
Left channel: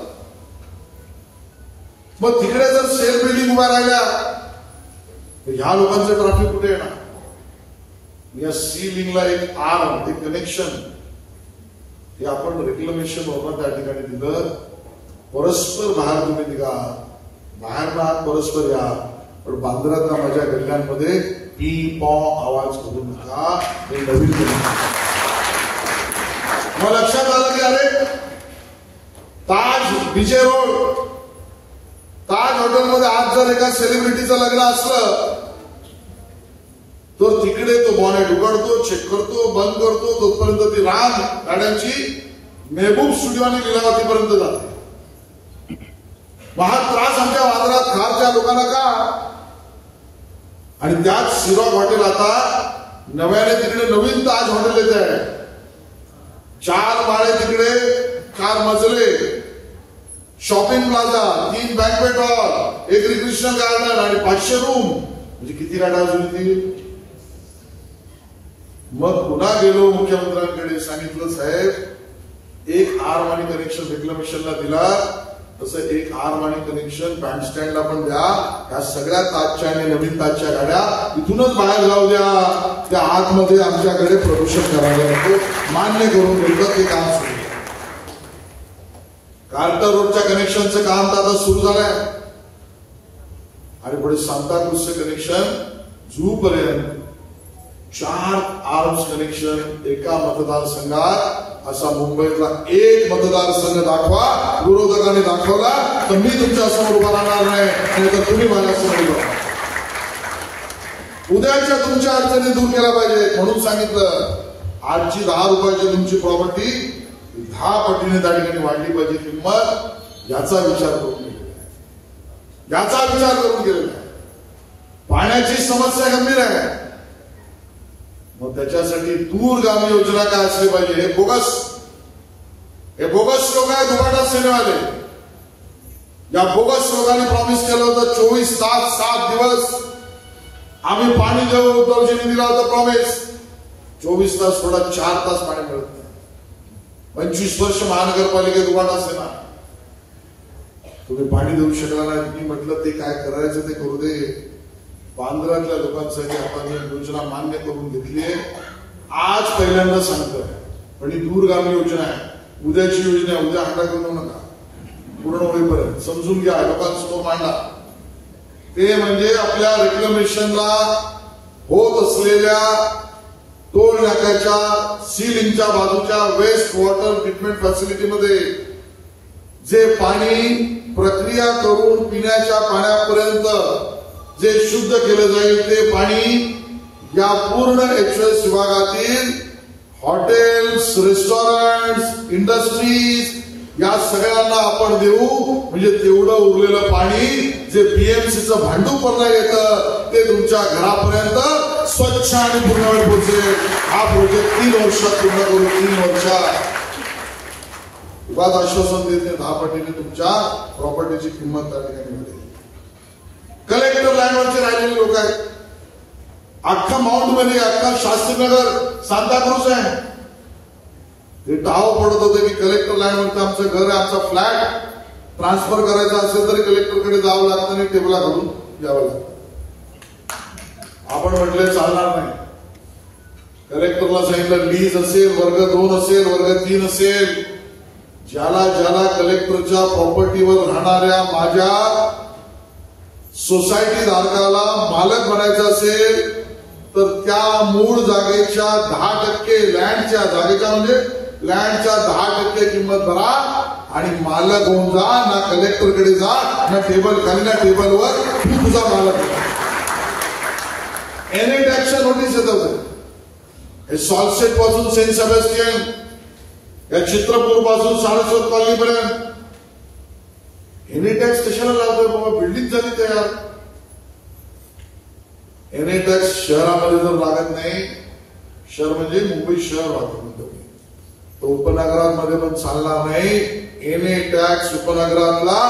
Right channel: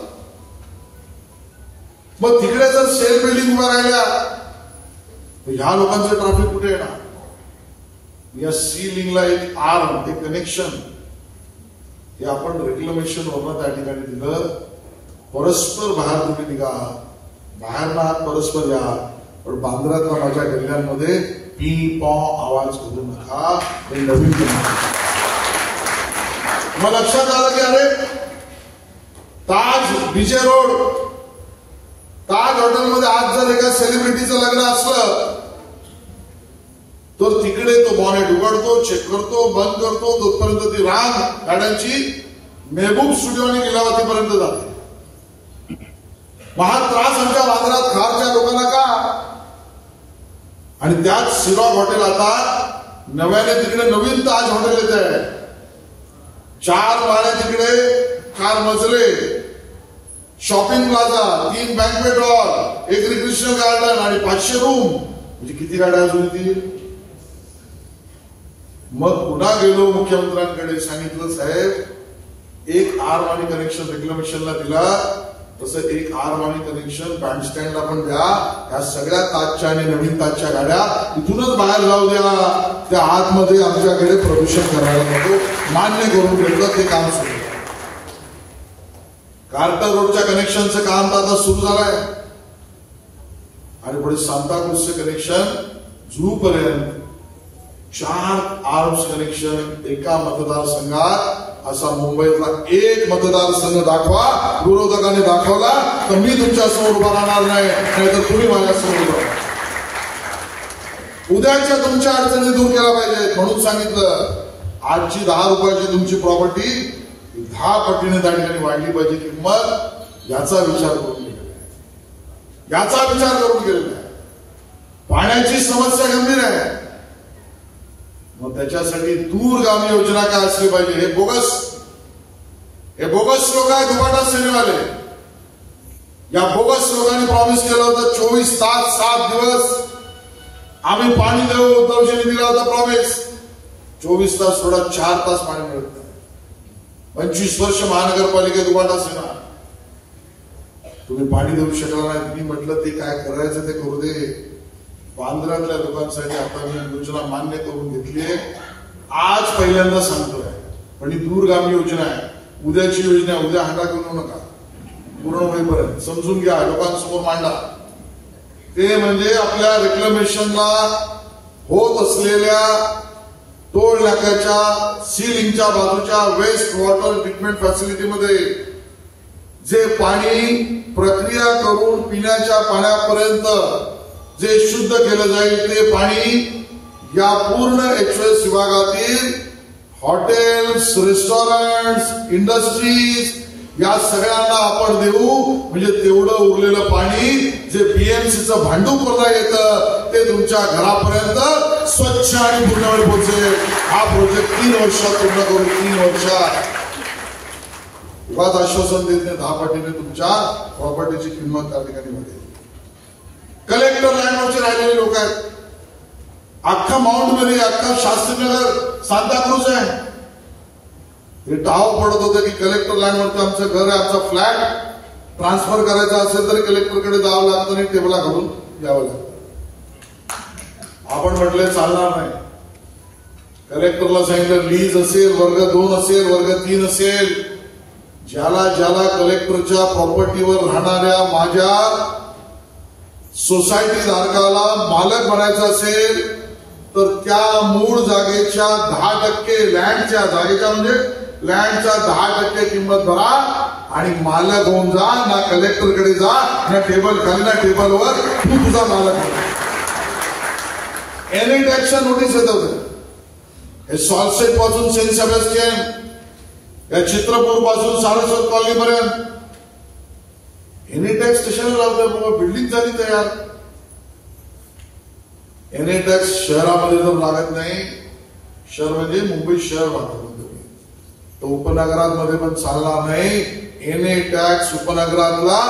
मग तिकडे जर सेल बिल्डिंग उभ्या राहिल्या ह्या लोकांचं ट्रॅफिक कुठे येणार. या सी लिंकला एक आर्म एक कनेक्शन हे आपण रेक्लेमेशन वरून त्या ठिकाणी दिलं. परस्पर बाहेर तुम्ही निघा, बाहेर ना परस्पर या, पण बांद्रातल्या माझ्या गल्ल्यांमध्ये पी पॉ आवाज करू नका. हे नवीन मग लक्षात आलं की अरे ताज बीजे रोड ताज हॉटेलमध्ये आज जर एका सेलिब्रिटीचं लग्न असलं तर तिकडे तो बॉनेट उघडतो, चेक करतो, बंद करतो. तोपर्यंत ती रांग गाड्यांची मेहबूब स्टुडिओ आणि लीलावतीपर्यंत जाते. हा त्रास आमच्या बांद्रात खारच्या लोकांना का. आणि त्यात सिरॉक हॉटेल आता नव्याने तिकडे नवीन ताज हॉटेल येत आहे. 4 माळे तिकडे 4 मजले, shopping plaza, 3 banquet hall, 1 recreational garden आणि 500 रूम. म्हणजे किती गाड्या अजून येतील. मग पुन्हा गेलो मुख्यमंत्र्यांकडे सांगितलं साहेब एक आर्म आणि कनेक्शन रेक्लेमेशनला दिला तसं एक आरवाणी कनेक्शन बँडस्टँडला पण द्या. या सगळ्या ताजच्या आणि नवीन ताजच्या गाड्या इथूनच बाहेर जाऊ द्या. त्या आतमध्ये आमच्याकडे प्रदूषण करायला नको, मान्य करून घेतलं ते काम सुरू. कार्टर रोडच्या कनेक्शनचं काम तर आता सुरू झालंय आणि पुढे सांताक्रूजचे कनेक्शन झू पर्यंत 4 आर्म्स कनेक्शन एका मतदारसंघात. असा मुंबईतला एक मतदारसंघ दाखवा, विरोधकांनी दाखवला तर मी तुमच्या समोर उभा राहणार नाही, नाहीतर तुम्ही माझ्यासमोर उभा राहा. उद्याच्या तुमच्या अडचणी दूर केल्या पाहिजेत म्हणून सांगितलं. आजची 10 रुपयाची तुमची प्रॉपर्टी 10 पटीने त्या ठिकाणी वाढली पाहिजे किंमत. याचा विचार करून गेलेला आहे, याचा विचार करून गेलेला आहे. पाण्याची समस्या गंभीर आहे, मग त्याच्यासाठी दूरगामी योजना काय असली पाहिजे. हे बोगस लोक आहेत, दुपाटा सेनेवाले. या बोगस लोकांनी प्रॉमिस केलं होतं 24 तास 7 दिवस आम्ही पाणी देऊ. उद्धवजींनी दिला होता प्रॉमिस. 24 तास थोडा 4 तास पाणी मिळत नाही. 25 वर्ष महानगरपालिकेत दुपाटा सेना, तुम्ही पाणी देऊ शकला नाही. मी म्हटलं ते काय करायचं ते करू दे. बांद्र्यातल्या लोकांसाठी आता मी योजना मान्य करून घेतली आहे. आज पहिल्यांदा सांगतोय, पण ही दूरगामी योजना आहे. उद्याची योजना उद्या हांडा करू नका, पूर्ण होईपर्यंत समजून घ्या, लोकांसमोर मांडा. ते म्हणजे आपल्या रेक्लेमेशनला होत असलेल्या टोल नाक्याच्या सीलिंगच्या बाजूच्या वेस्ट वॉटर ट्रीटमेंट फॅसिलिटीमध्ये जे पाणी प्रक्रिया करून पिण्याच्या पाण्यापर्यंत जे शुद्ध केलं जाईल ते पाणी या पूर्ण HOS विभागातील हॉटेल्स, रेस्टॉरंट्स, इंडस्ट्रीज या सगळ्यांना आपण देऊ. म्हणजे तेवढं उरलेलं पाणी जे BMCचं भांडूपला येतं ते तुमच्या घरापर्यंत स्वच्छ आणि पूर्ण पोहोचेल. हा प्रोजेक्ट 3 वर्षात पूर्ण करू. 3 वर्षात विवाद आश्वासन देत नाही, 10 पटीने तुमच्या प्रॉपर्टीची किंमत त्या ठिकाणी वाढेल. कलेक्टर लँडवरचे राहिलेले लोक आहेत. अख्खा माउंट मेरी, अख्खा शास्त्रीनगर, सांताक्रूज आहे. हे टाव पडत होते की कलेक्टर लँडवरती आमचं घर आहे, आमचा फ्लॅट ट्रान्सफर करायचा असेल तर कलेक्टरकडे जावं लागतं आणि टेबला घालून यावं लागतं. आपण म्हटले चालणार नाही. कलेक्टरला सांगितलं लीज असेल, वर्ग 2 असेल, वर्ग 3 असेल, ज्याला ज्याला कलेक्टरच्या प्रॉपर्टीवर राहणाऱ्या माझ्या सोसायटी धारकाला मालक बनायचं असेल तर त्या मूळ जागेच्या 10% लँडच्या जागेच्या म्हणजे लँडच्या 10% किंमत भरा आणि मालक होऊन जा. ना कलेक्टरकडे जा, ना टेबल खाली, ना टेबलवर तू तुझा मालक. एनी टॅक्सच्या नोटीस येत होते. हे सॉल्सेट पासून सेंट सेबॅस्टियन, या चित्रपूर पासून सारस्वत कॉलनी पर्यंत एनी टॅक्स कशाला लावतोय बाबा. बिल्डिंग झाली तयार. एनी टॅक्स शहरामध्ये जर लागत नाही, शहर म्हणजे मुंबई शहर राहतो तर उपनगरांमध्ये पण चालणार नाही. एनी टॅक्स उपनगराला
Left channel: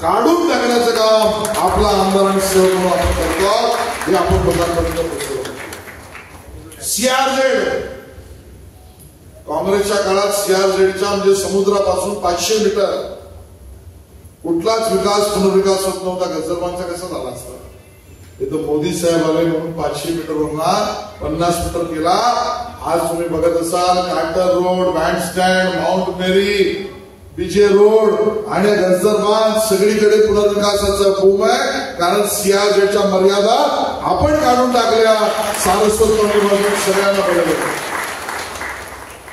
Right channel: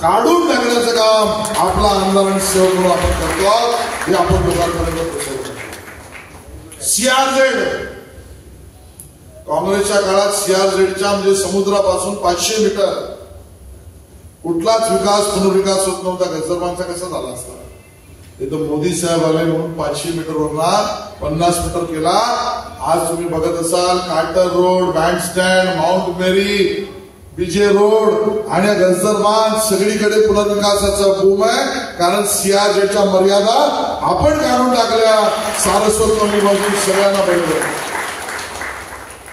काढून टाकण्याचं काम आपला आमदारांसह आपण करतो. हे आपण लोकांपर्यंत पोहोचवतो. CRZ काँग्रेसच्या काळात CRZच्या म्हणजे समुद्रापासून 500 मीटर कुठलाच विकास पुनर्विकास होत नव्हता. गजरबांचा कसा झाला असता. हे तर मोदी साहेब आले म्हणून 500 मीटरवरना 50 मीटर केला. आज तुम्ही बघत असाल कार्टर रोड, बँडस्टँड, माउंट मेरी, BJ रोड आणि गजरबांध सगळीकडे पुनर्विकासाचा बूम आहे. कारण CRZच्या मर्यादा आपण काढून टाकल्या. सारस्वत कॉलनीमधून सगळ्यांना बरोबर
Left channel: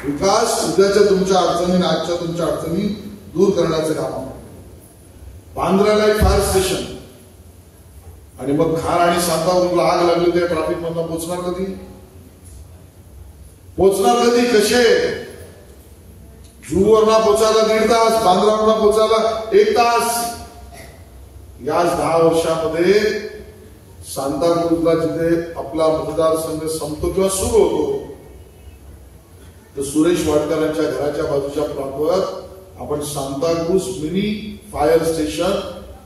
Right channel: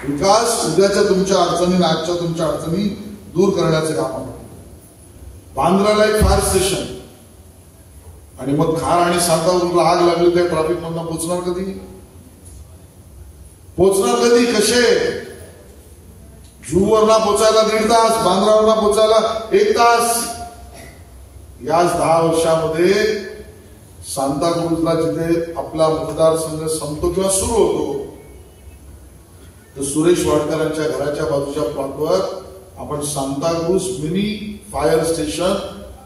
विकास. उद्याच्या तुमच्या अडचणी, आजच्या तुमच्या अडचणी दूर करण्याचं काम आहे. बांद्राला एक फायर स्टेशन आणि मग खार आणि सांताक्रूजला आग लागली त्या ट्रॅफिक मधून पोहोचणार कधी? कसे? जुहूवरला पोचायला 1.5 तास, बांद्रावरला पोचायला 1 तास. याच 10 वर्षामध्ये सांताक्रूजला जिथे आपला मतदारसंघ संपतो किंवा सुरू होतो तर सुरेश वाडकरांच्या घराच्या बाजूच्या प्लॉटवर आपण सांताक्रूज मिनी फायर स्टेशन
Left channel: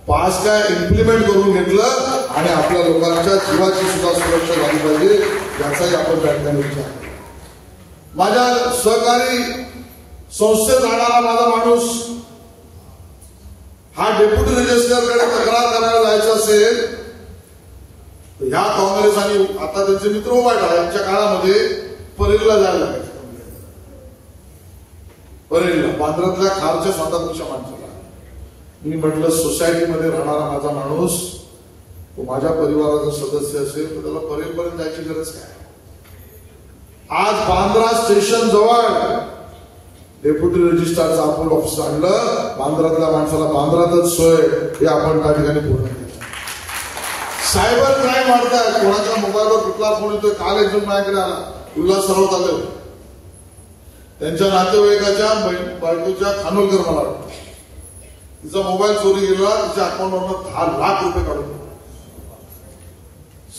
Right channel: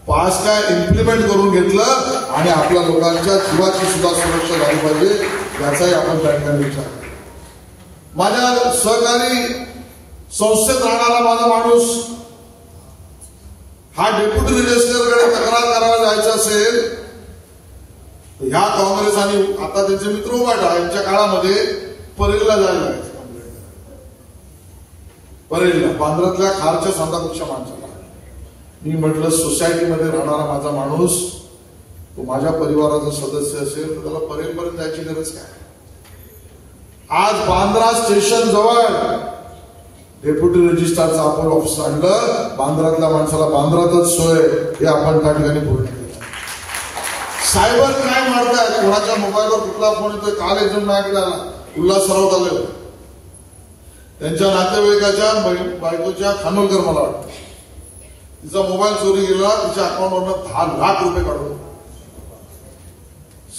पास काय इम्प्लिमेंट करून घेतलं आणि आपल्या लोकांच्या जीवाची सुद्धा सुरक्षा झाली पाहिजे याचाही आपण त्या ठिकाणी विचार केला. माझ्या सहकारी संस्थेत राहणारा माझा माणूस हा डेप्युटी रजिस्ट्रारकडे तक्रार करायला जायचं असेल तर ह्या काँग्रेस आणि आता त्यांचे मित्र उभाटा यांच्या काळामध्ये परेलला जायला लागायचं. परेलला बांद्रातल्या खारच्या सांताक्रूजच्या माणसाला मी म्हटलं सोसायटीमध्ये राहणारा माझा माणूस तो माझ्या परिवाराचा सदस्य असेल तर त्याला परेलपर्यंत जायची गरज काय. आज बांद्रा स्टेशन जवळ डेप्युटी रजिस्ट्रारचं आपण ऑफिस आणलं. बांद्रातल्या माणसाला बांद्रातच सोय हे आपण त्या ठिकाणी पूर्ण केलं. सायबर क्राईम वाढतायत. कोणाच्या मोबाईलवर कुठला फोन येतोय. काल एक जण माझ्याकडे आला उल्हास सरावत आले होते. त्यांच्या नातेवाईकाच्या बायकोच्या खानोलकर मला वाटतं तिचा मोबाईल चोरी गेला. तिच्या अकाउंटवरनं 10 लाख रुपये काढून.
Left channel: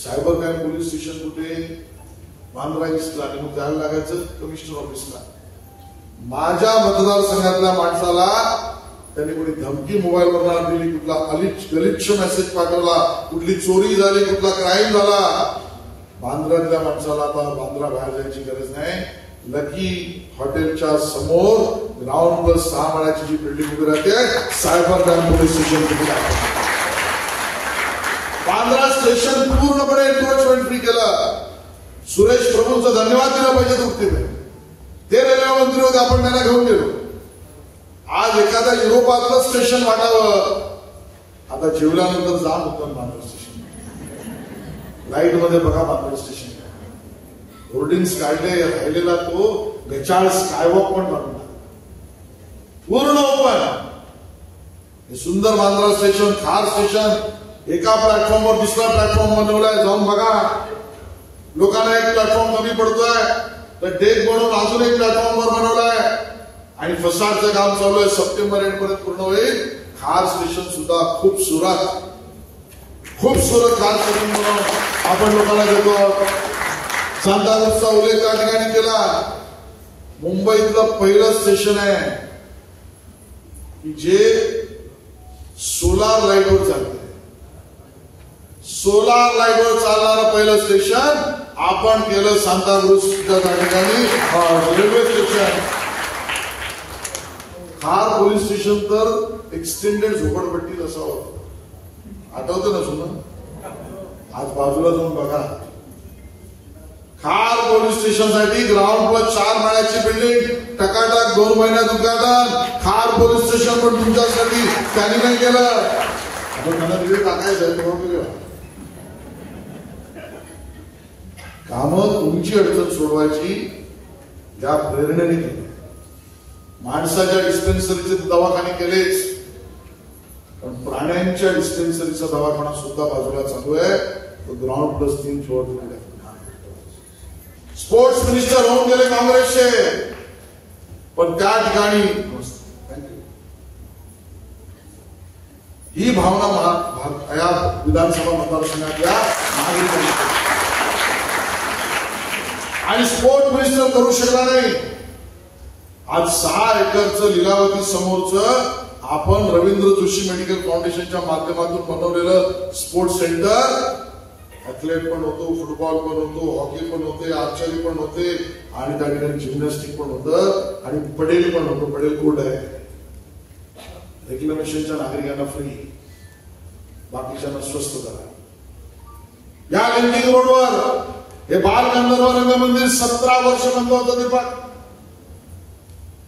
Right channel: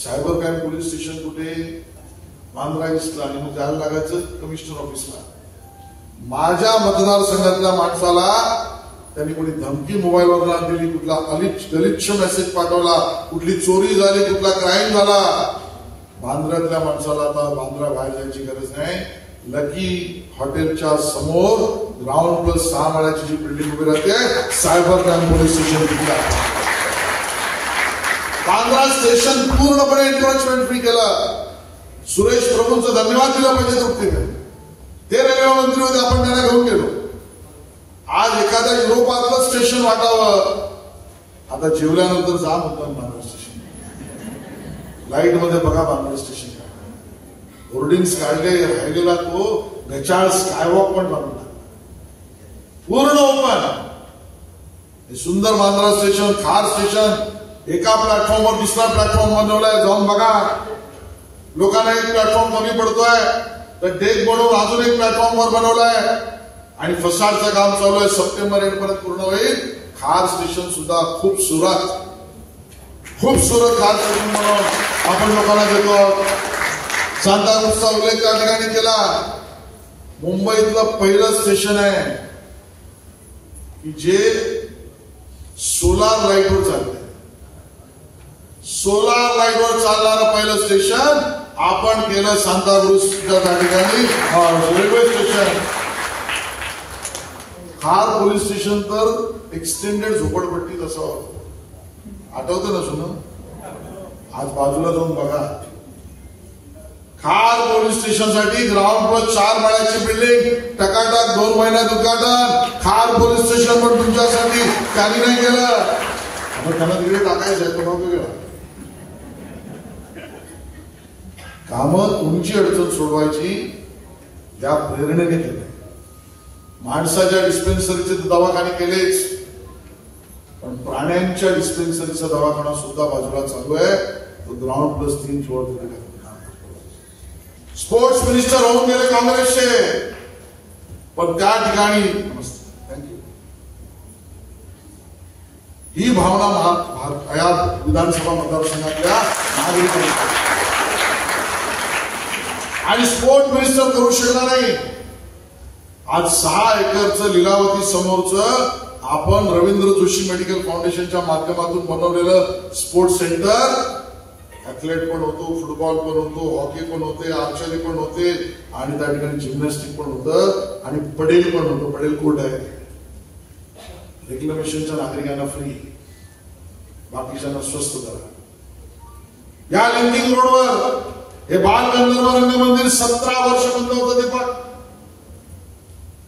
सायबर क्राईम पोलीस स्टेशन कुठे बांद्रा ईस्टला आणि मग जायला लागायचं कमिशनर ऑफिसला. माझ्या मतदारसंघातल्या माणसाला त्यांनी कोणी धमकी मोबाईलवर ना दिली, कुठला गलिच्छ मेसेज पाठवला, कुठली चोरी झाली, कुठला क्राईम झाला. बांद्र्यातल्या माणसाला आता बांद्रा बाहेर जायची गरज नाही. लकी हॉटेलच्या समोर ग्राउंड+6 माळ्याची जी बिल्डिंग उभी राहते सायबर क्राईम पोलीस स्टेशन तिथे आहे. बांद्रा स्टेशन पूर्णपणे एन्क्रोचमेंट फ्री केलं. सुरेश प्रभूंचं धन्यवाद दिला पाहिजे तृप्तीने. ते रेल्वे मंत्री होते, आपण त्यांना घेऊन गेलो. आज एखाद्या युरोपातलं स्टेशन वाटावं. आता जेवल्यानंतर जा मुद्दाम बांद्रा स्टेशन. लाईट मध्ये बघा बांद्रा स्टेशन होर्डिंग्स काढले. राहिलेला तो गचाळ स्कायवॉक पण बांधला पूर्ण ओपन. हे सुंदर बांद्रा स्टेशन खार स्टेशन एका प्लॅटफॉर्मवर दुसरा प्लॅटफॉर्म बनवलाय. जाऊन बघा. लोकांना एक प्लॅटफॉर्म कमी पडतोय तर डेक बनवून अजून एक प्लॅटफॉर्मवर बनवलाय आणि फसाडचं काम चालू आहे. सप्टेंबर एंड पर्यंत पूर्ण होईल. खार स्टेशन सुद्धा खूपसूरत खार स्टेशन म्हणून आपण लोकांना देतो. सांताक्रूजचा उल्लेख त्या ठिकाणी केला. मुंबईतलं पहिलं स्टेशन आहे की जे सोलार लाईटवर चालतं. सोलार लाईटवर चालणारं पहिलं स्टेशन आपण केलं सांताक्रूजच्या त्या ठिकाणी रेल्वे स्टेशन. खार पोलीस स्टेशन तर एक्सटेंडेड झोपडपट्टीत असावं. आठवतं ना सुन. आज बाजूला जाऊन बघा. खार पोलीस स्टेशन साठी ग्राउंड+4 माळ्याची बिल्डिंग टकाटक 2 महिन्यात उद्घाटन. खार पोलीस स्टेशन पण तुमच्यासाठी त्यांनी नाही केलं. त्यांना तिकडे टाकायचं आहे तो वेगळं. कामं तुमची अडचण सोडवायची या प्रेरणेने केली. माणसाच्या डिस्पेन्सरीचे दवाखाने केलेच पण प्राण्यांच्या डिस्पेन्सरीचा दवाखाना सुद्धा बाजूला चालू आहे. तो ग्राउंड+3 फ्लोअर तिकडे. स्पोर्ट्स मिनिस्टर होऊन गेले काँग्रेसचे पण त्या ठिकाणी थँक्यू ही भावना या विधानसभा मतदारसंघातल्या नागरिकांची. आणि स्पोर्ट मिनिस्टर करू शकला नाही. आज 6 एकरचं लीलावती समोरचं आपण रवींद्र जोशी मेडिकल फाउंडेशनच्या माध्यमातून बनवलेलं स्पोर्ट्स सेंटर. ऍथलेट पण होतो, फुटबॉल पण होतो, हॉकी पण होते, आर्चरी पण होते आणि त्या ठिकाणी जिम्नॅस्टिक पण होतं आणि पडेल पण होतं. पडेल कोर्ट आहे. रेक्लेमेशनच्या नागरिकांना फ्री, बाकीच्यांना स्वस्त करा. या लिंकिंग रोडवर हे बाल गंधर्व रंगमंदिर 17 वर्ष बंद होतं. दीपक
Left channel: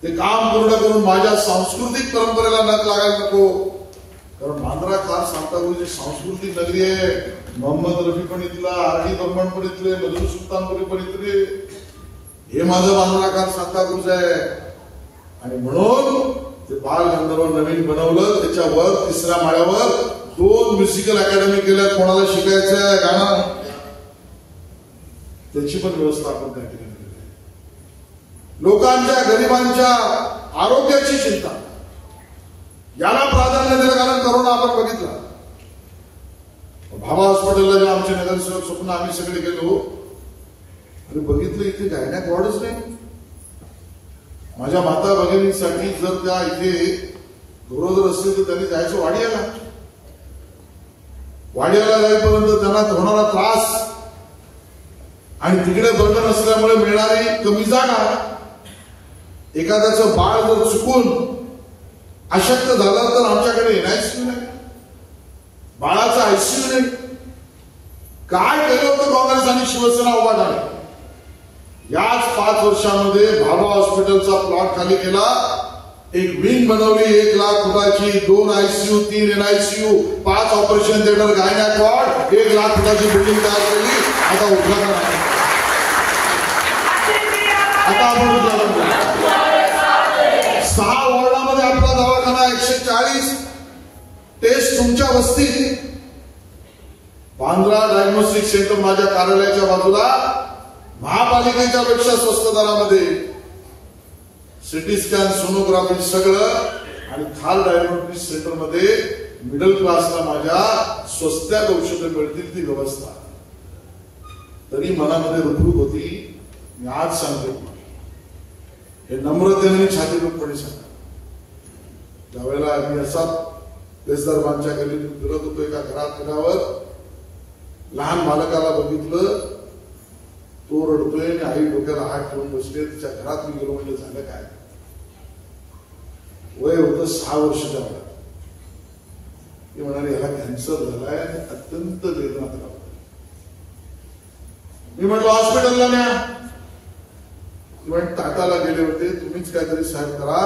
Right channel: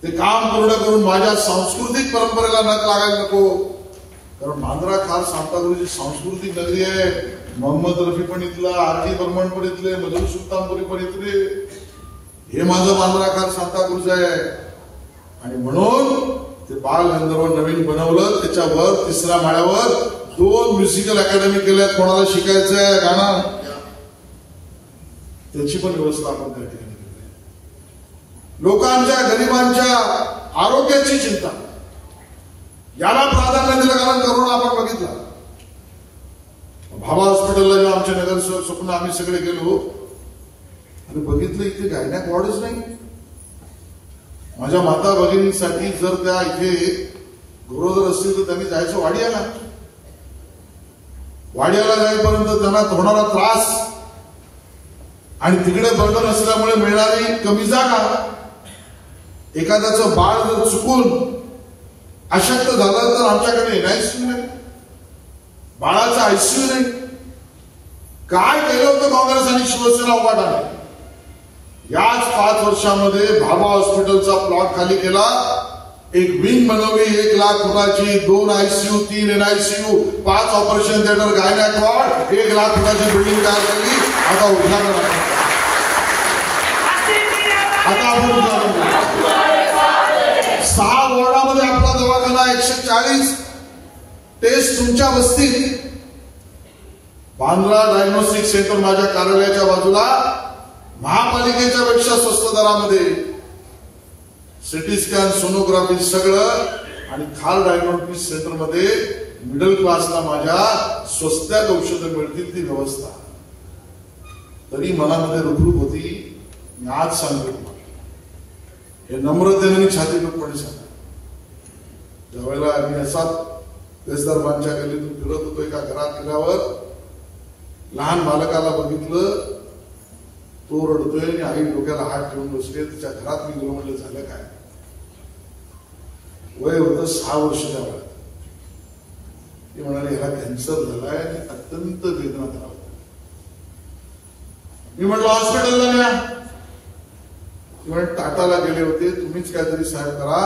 ते काम पूर्ण करून माझ्या सांस्कृतिक परंपरेला नख लागायला नको. कारण बांद्रा खार सांताक्रूजची सांस्कृतिक नगरी आहे. मोहम्मद रफी पण इथला, आर.डी. बर्मन पण इथले, मधुर सुलतानपुरी पण इथले. हे माझं बांद्रा खार सांताक्रूज आहे. आणि म्हणून ते बाल गंधर्व नवीन बनवलं. त्याच्यावर 3ऱ्या माळ्यावर 2 म्युझिकल अकॅडमी केल्या. कोणाला शिकायचं आहे गाणं त्याची पण व्यवस्था आपण त्या ठिकाणी केली. लोकांच्या गरिबांच्या आरोग्याची चिंता याला प्राधान्य दिलं. कारण करोना आपण बघितला. भाभा हॉस्पिटलला जे आमचे नगरसेवक स्वप्न आम्ही सगळे गेलो आणि बघितलं इथे गायनॅक वॉर्डच नाही. माझ्या माता भगिनीसाठी जर त्या इथे गरोदर असतील तर त्यांनी जायचं वाडियाला. वाडियाला जाईपर्यंत त्यांना होणारा त्रास आणि तिकडे बर्डन असल्यामुळे मिळणारी कमी जागा. एखाद्याचं बाळ जर चुकून अशक्त झालं तर आमच्याकडे एनआयसीयू नाही, बाळाचा आयसीयू नाही. काय केलं होतं काँग्रेस आणि शिवसेना उभाटाने? याच 5 वर्षामध्ये भाभा हॉस्पिटलचा प्लॉट खाली केला, एक विंग बनवली 1 लाख फुटाची, 2 ICU, 3 NICU, 5 operation theatre, gynaec ward, 1 lakh फुटाची बिल्डिंग तयार केली. आता उद्घाटन आहे. आता आपण 6 वॉर्डामध्ये आपला दवाखाना, 140 टेस्ट तुमच्या वस्तीत. बांद्रा डायग्नोस्टिक सेंटर माझ्या कार्यालयाच्या बाजूला महापालिकेच्या पेक्षा स्वस्त दरामध्ये सिटी स्कॅन, सोनोग्राफी सगळं, आणि खाल डायग्नोस्टिक सेंटर मध्ये मिडल क्लासला माझ्या स्वस्त्यात औषधं मिळतील ती व्यवस्था. तरी मनामध्ये रुखरुख होती. मी आज सांगतो हे नम्रतेने आणि छातीपणे सांगा. ज्यावेळेला मी असा देशदरबारच्या गल्लीतून फिरत होतो, एका घरात गेल्यावर लहान बालकाला बघितलं, तो रडतोय आणि आई डोक्याला हात ठेवून बसले. तिच्या घरात मी गेलो, म्हणजे झालं काय? वय होतं 6 वर्षाच्या वयात. ती म्हणाले ह्याला कॅन्सर झालाय आणि अत्यंत वेदनात राहतो. मी म्हटलं हॉस्पिटलला न्या. ती म्हणे टाटाला गेले होते, तुम्हीच काहीतरी साहेब करा.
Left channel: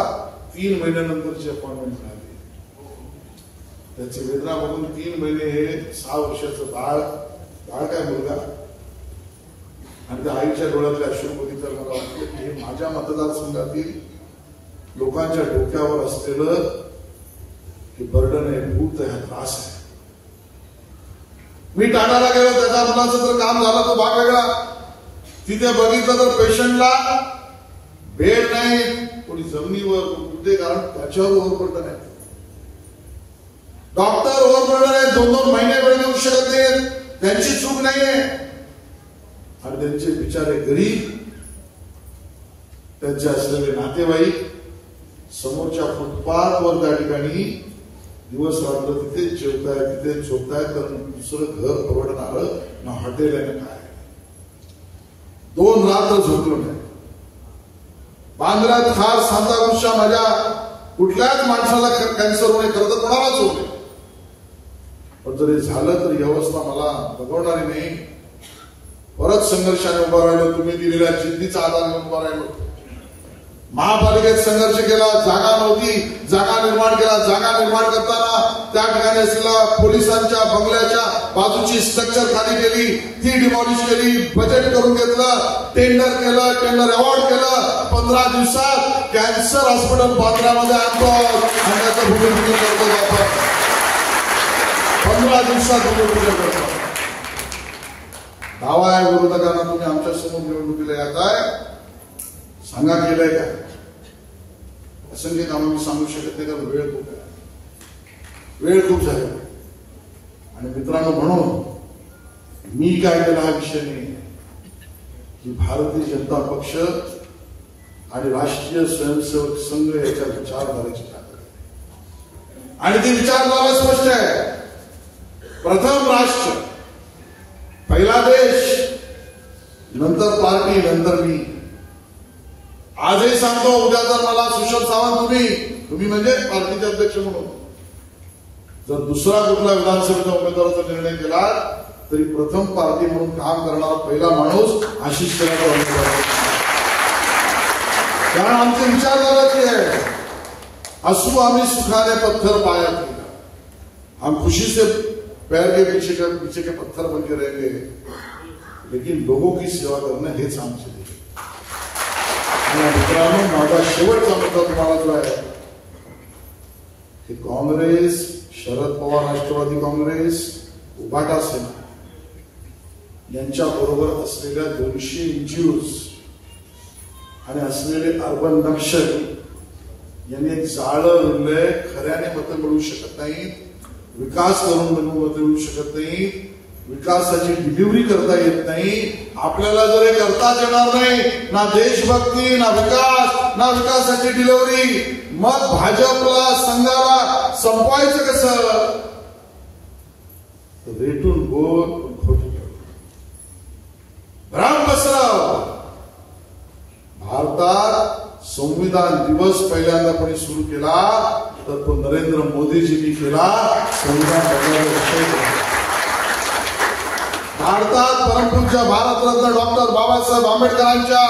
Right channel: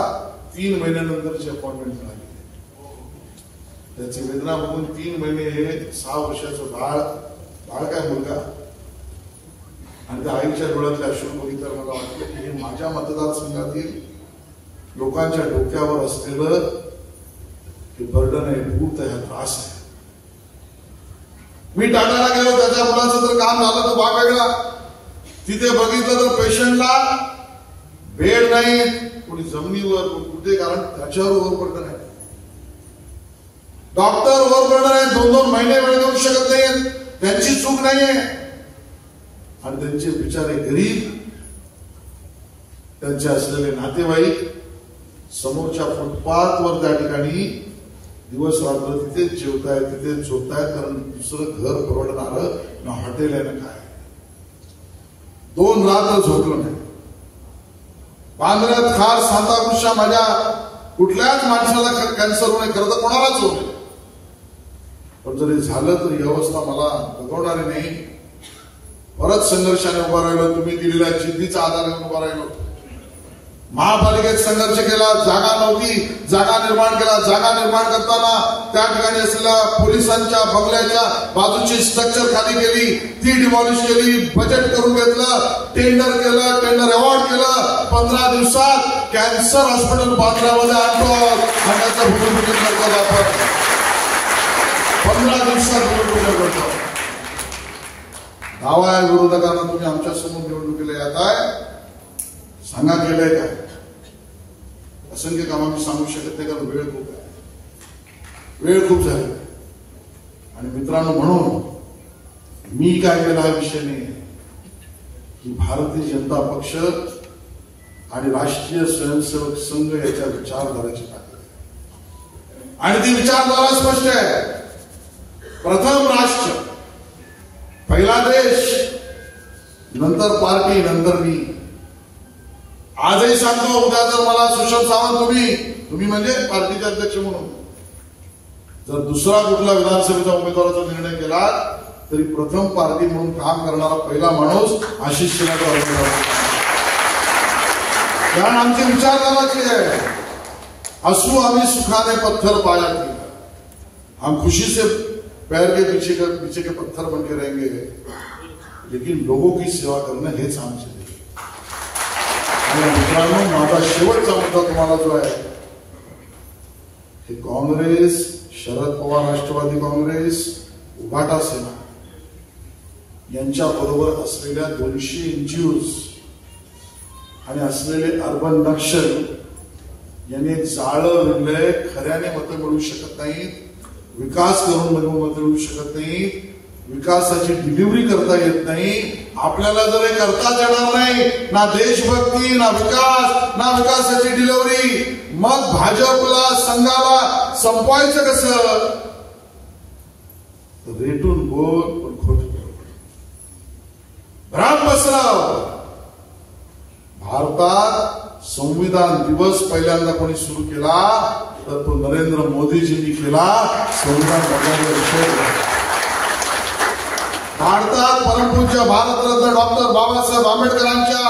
3 महिन्यानंतरची अपॉइंटमेंट झाली. त्याची वेदना बघून 3 महिने हे 6 वर्षाचं बाळ काय मुलगा, आणि त्या आईच्या डोळ्यातले अश्रू बघितल्यावर मला वाटलं की हे माझ्या मतदारसंघातील लोकांच्या डोक्यावर असलेलं हे बर्डन आहे, भूत आहे, हा त्रास आहे. मी टाटाला गेलो, त्याच्या मुलाचं जर काम झालं तो भाग वेगळा. तिथे बघितलं तर पेशंटला बेड नाही, कोणी जमिनीवर कुठे, कारण त्याच्यावर ओव्हरबर्डन आहे. डॉक्टर ओव्हरबर्डन आहे, 2-2 महिने वेळ देऊ शकत नाहीत. त्यांची चूक नाहीये, आणि त्यांचे बिचारे गरीब, त्यांचे असलेले नातेवाईक समोरच्या फुटपाथवर त्या ठिकाणी दिवस रात्र तिथेच जेवतायत, तिथेच झोपतायत, कारण दुसरं घर परवडणारं ना हॉटेल आहे ना काय. 2 रात्र झोपलं नाही. बांद्र्यात खास सांताक्रूजच्या माझ्या कुठल्याच माणसाला कॅन्सर होणे, खरं तर कोणालाच होणे, पण जरी झालं तर ही अवस्था मला बघवणारी नाही. परत संघर्षाने उभा राहिलो, तुम्ही दिलेल्या जिद्दीचा आधाराने उभा राहिलो. महापालिकेत संघर्ष केला, जागा नव्हती, जागा निर्माण केला. जागा निर्माण करताना त्या ठिकाणी असलेल्या पोलिसांच्या बंगल्याच्या बाजूची स्ट्रक्चर खाली केली, ती डिमॉलिश केली, बजेट करून घेतलं, टेंडर केलं, टेंडर अवॉर्ड केलं. 15 दिवसात कॅन्सर हॉस्पिटल बांद्र्यामध्ये आणतो आणि त्याचं भूमिपूजन करतो आपण. 15 दिवसात भूमिपूजन करतो. दावा आहे विरोधकांना, तुम्ही आमच्या समोर निवडणुकीला येत आहे, सांगा केलंय काय? असंख्य कामं मी सांगू शकत नाही, कारण वेळ खूप आहे, वेळ खूप झाली. आणि मित्रांनो, म्हणून मी काय केला हा विषय नाही की भारतीय जनता पक्ष आणि राष्ट्रीय स्वयंसेवक संघ याच्या विचारधारेची ताकद आहे. आणि ती विचारधारा स्पष्ट आहे. प्रथम राष्ट्र, पहिला देश, नंतर पार्टी, नंतर मी. आजही सांगतो, उद्या जर मला सुशील सावंत तुम्ही म्हणजे पार्टीचे अध्यक्ष म्हणून जर दुसरा कुठला विधानसभेचा उमेदवाराचा निर्णय केला, तरी प्रथम पार्टी म्हणून काम करणारा पहिला माणूस आशिष शेलारचा उमेदवार. कारण आमची विचारधाराची आहे, असू आम्ही सुखाने पत्थर पाया किया, हम खुशी से पैर के पीछे के पत्थर बन के रहेंगे, लेकिन लोगों की सेवा करणं हेच आमचे. मित्रांनो, माझा शेवटचा मुद्दा तुम्हाला जो आहे, हे काँग्रेस, शरद पवार राष्ट्रवादी काँग्रेस, उभाटा सेना यांच्या बरोबर असलेल्या 200 NGOs आणि असलेले अर्बन नक्षल यांनी जाळं विणलंय. खऱ्याने मतं मिळू शकत नाही, विकास करून मतं मिळू शकत नाही, विकासाची डिलिव्हरी करता येत नाही. आपल्याला जर हे करताच येणार नाही, ना देशभक्ती, ना विकास, ना विकासाची डिलिव्हरी, मग भाजपला, संघाला संपवायचं कसं? रेटून बोल, पण खोट भ्राम पसरव. भारतात संविधान दिवस पहिल्यांदा कोणी सुरू केला, तर तो नरेंद्र मोदीजींनी केला संविधान बदलायचा विषय. भारतात परमपूज्य भारतरत्न डॉक्टर बाबासाहेब आंबेडकरांच्या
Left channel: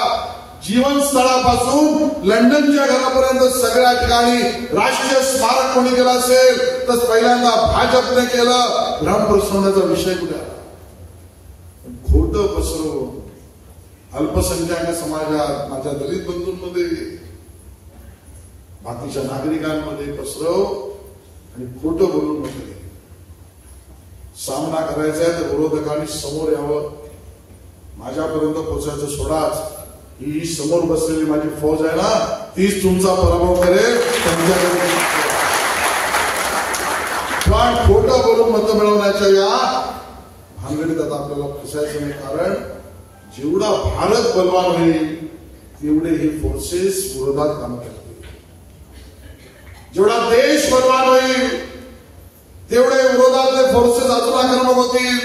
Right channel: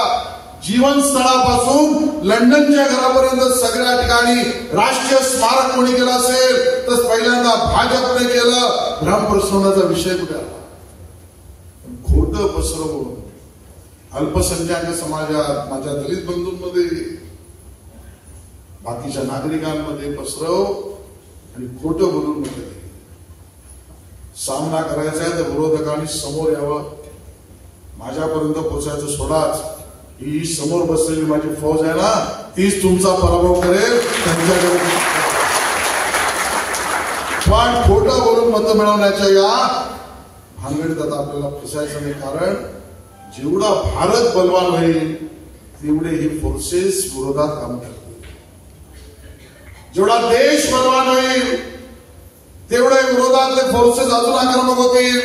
जीवनस्थळापासून लंडनच्या घरापर्यंत सगळ्या ठिकाणी राष्ट्रीय स्मारक कोणी केलं असेल तर पहिल्यांदा भाजपने केलं. भ्रम पसरवण्याचा विषय कुठे आला? खोटं पसरवून अल्पसंख्याक समाजात, माझ्या दलित बंधूंमध्ये, बाकीच्या नागरिकांमध्ये पसरव आणि खोटं बोलून म्हटलं सामना करायचा आहे तर विरोधकांनी समोर यावं, माझ्यापर्यंत पोहोचायचं सोडाच. ही समोर बसलेली माझी फौज आहे ना, तीच तुमचा पराभव करेल. पण खोटं बोलून मतं मिळवण्याच्या या भानगडीत आता आपल्याला फसायचं नाही. कारण जेवढा भारत बलवान होईल तेवढे हे फोर्सेस विरोधात काम करतील. जेवढा देश बलवान होईल तेवढे विरोधातले फोर्सेस अजून आक्रमक होतील.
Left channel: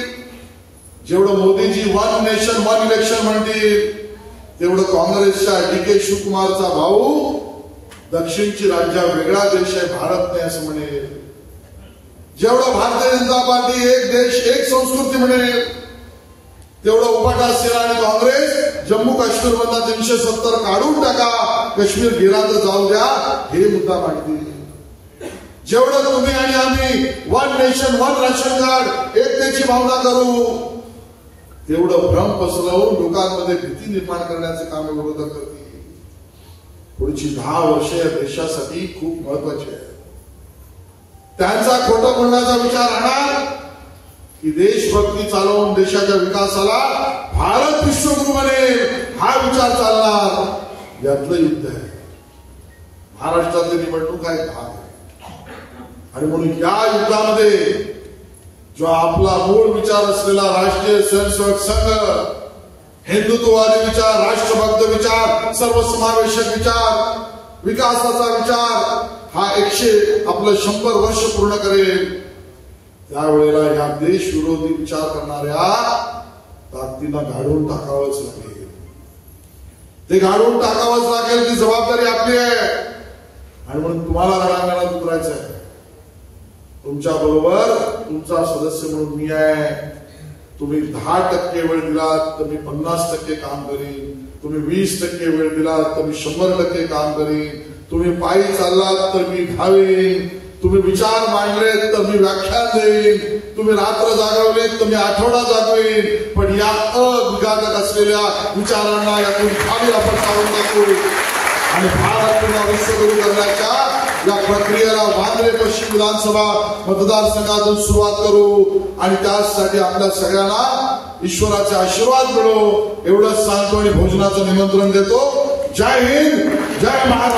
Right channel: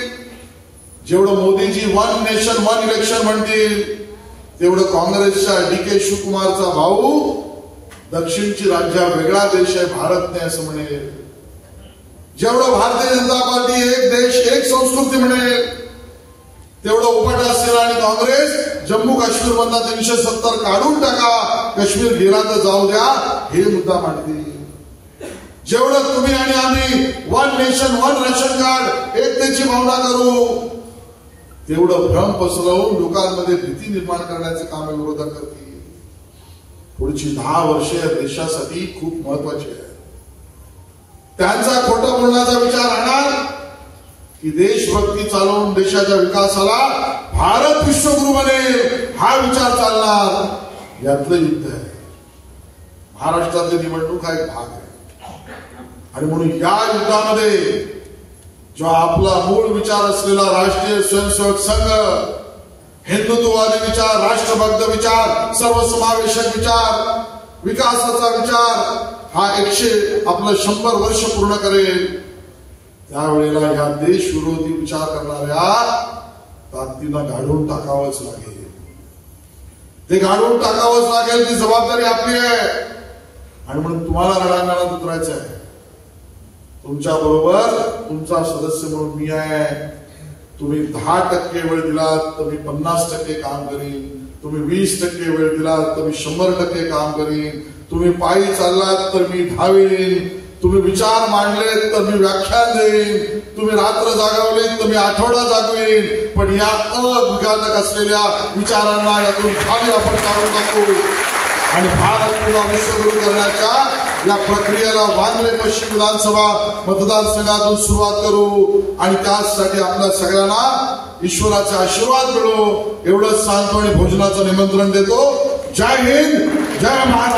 जेवढं Modiji one nation one election म्हणतील तेवढं काँग्रेसच्या DK शिवकुमारचा भाऊ दक्षिणची राज्य वेगळा देश आहे भारत नाही असं म्हणेल. जेवढं भारतीय जनता पार्टी एक देश एक संस्कृती म्हणेल तेवढं उपाटा सेना आणि काँग्रेस जम्मू काश्मीर मधला 370 काढून टाका, काश्मीर गिरांत जाऊ द्या हे मुद्दा मांडतील. जेवढं तुम्ही आणि आम्ही one nation one ration card एकतेची भावना करू तेवढं भ्रम पसरवून लोकांमध्ये भीती निर्माण करण्याचे काम विरोधक करतील. पुढची 10 वर्षे या देशासाठी खूप महत्वाची आहे. त्यांचा खोटं बोलण्याचा विचार राहणार की देशभक्ती चालवून देशाच्या विकासाला भारत विश्वगुरू बनेल हा विचार चालणार. यातलं युद्ध आहे. महाराष्ट्रातली निवडणूक हा एक भाग आहे आणि म्हणून या युद्धामध्ये जो आपला मूळ विचार असलेला राष्ट्रीय स्वयंसेवक संघ, हिंदुत्ववादी विचार, राष्ट्रभक्त विचार, सर्वसमावेशक विचार, विकासाचा विचार हा 100 वर्ष पूर्ण करेल. त्यावेळेला या देशविरोधी विचार करणाऱ्या ताकदीनं गाडून टाकावंच लागेल. ते गाडून टाकावंच लागेल. ती जबाबदारी आपली आहे आणि म्हणून तुम्हाला रणांगणात उतरायचं आहे. तुमच्या बरोबर तुमचा सदस्य म्हणून मी आहे. तुम्ही 10% वेळ दिलात तर मी 50% काम करीन. तुम्ही 20% वेळ दिलात तर मी 100% काम करीन. तुम्ही पायी चाललात तर मी धावेन. तुम्ही विचार मांडलेत तर मी व्याख्यान देईन. तुम्ही रात्र जागवलीत तर मी आठवडा जागवेन. पण या अविघातक असलेल्या विचारांना यातून खाली आपण काढून टाकू आणि भारत पुन्हा विश्वगुरू करण्याच्या या प्रक्रियेला वांद्रे पश्चिम विधानसभा मतदारसंघातून सुरुवात करू आणि त्यासाठी आपल्या सगळ्यांना ईश्वराचे आशीर्वाद मिळो एवढंच सांगतो आणि भोजनाचं निमंत्रण देतो. जय हिंद, जय महाराष्ट्र.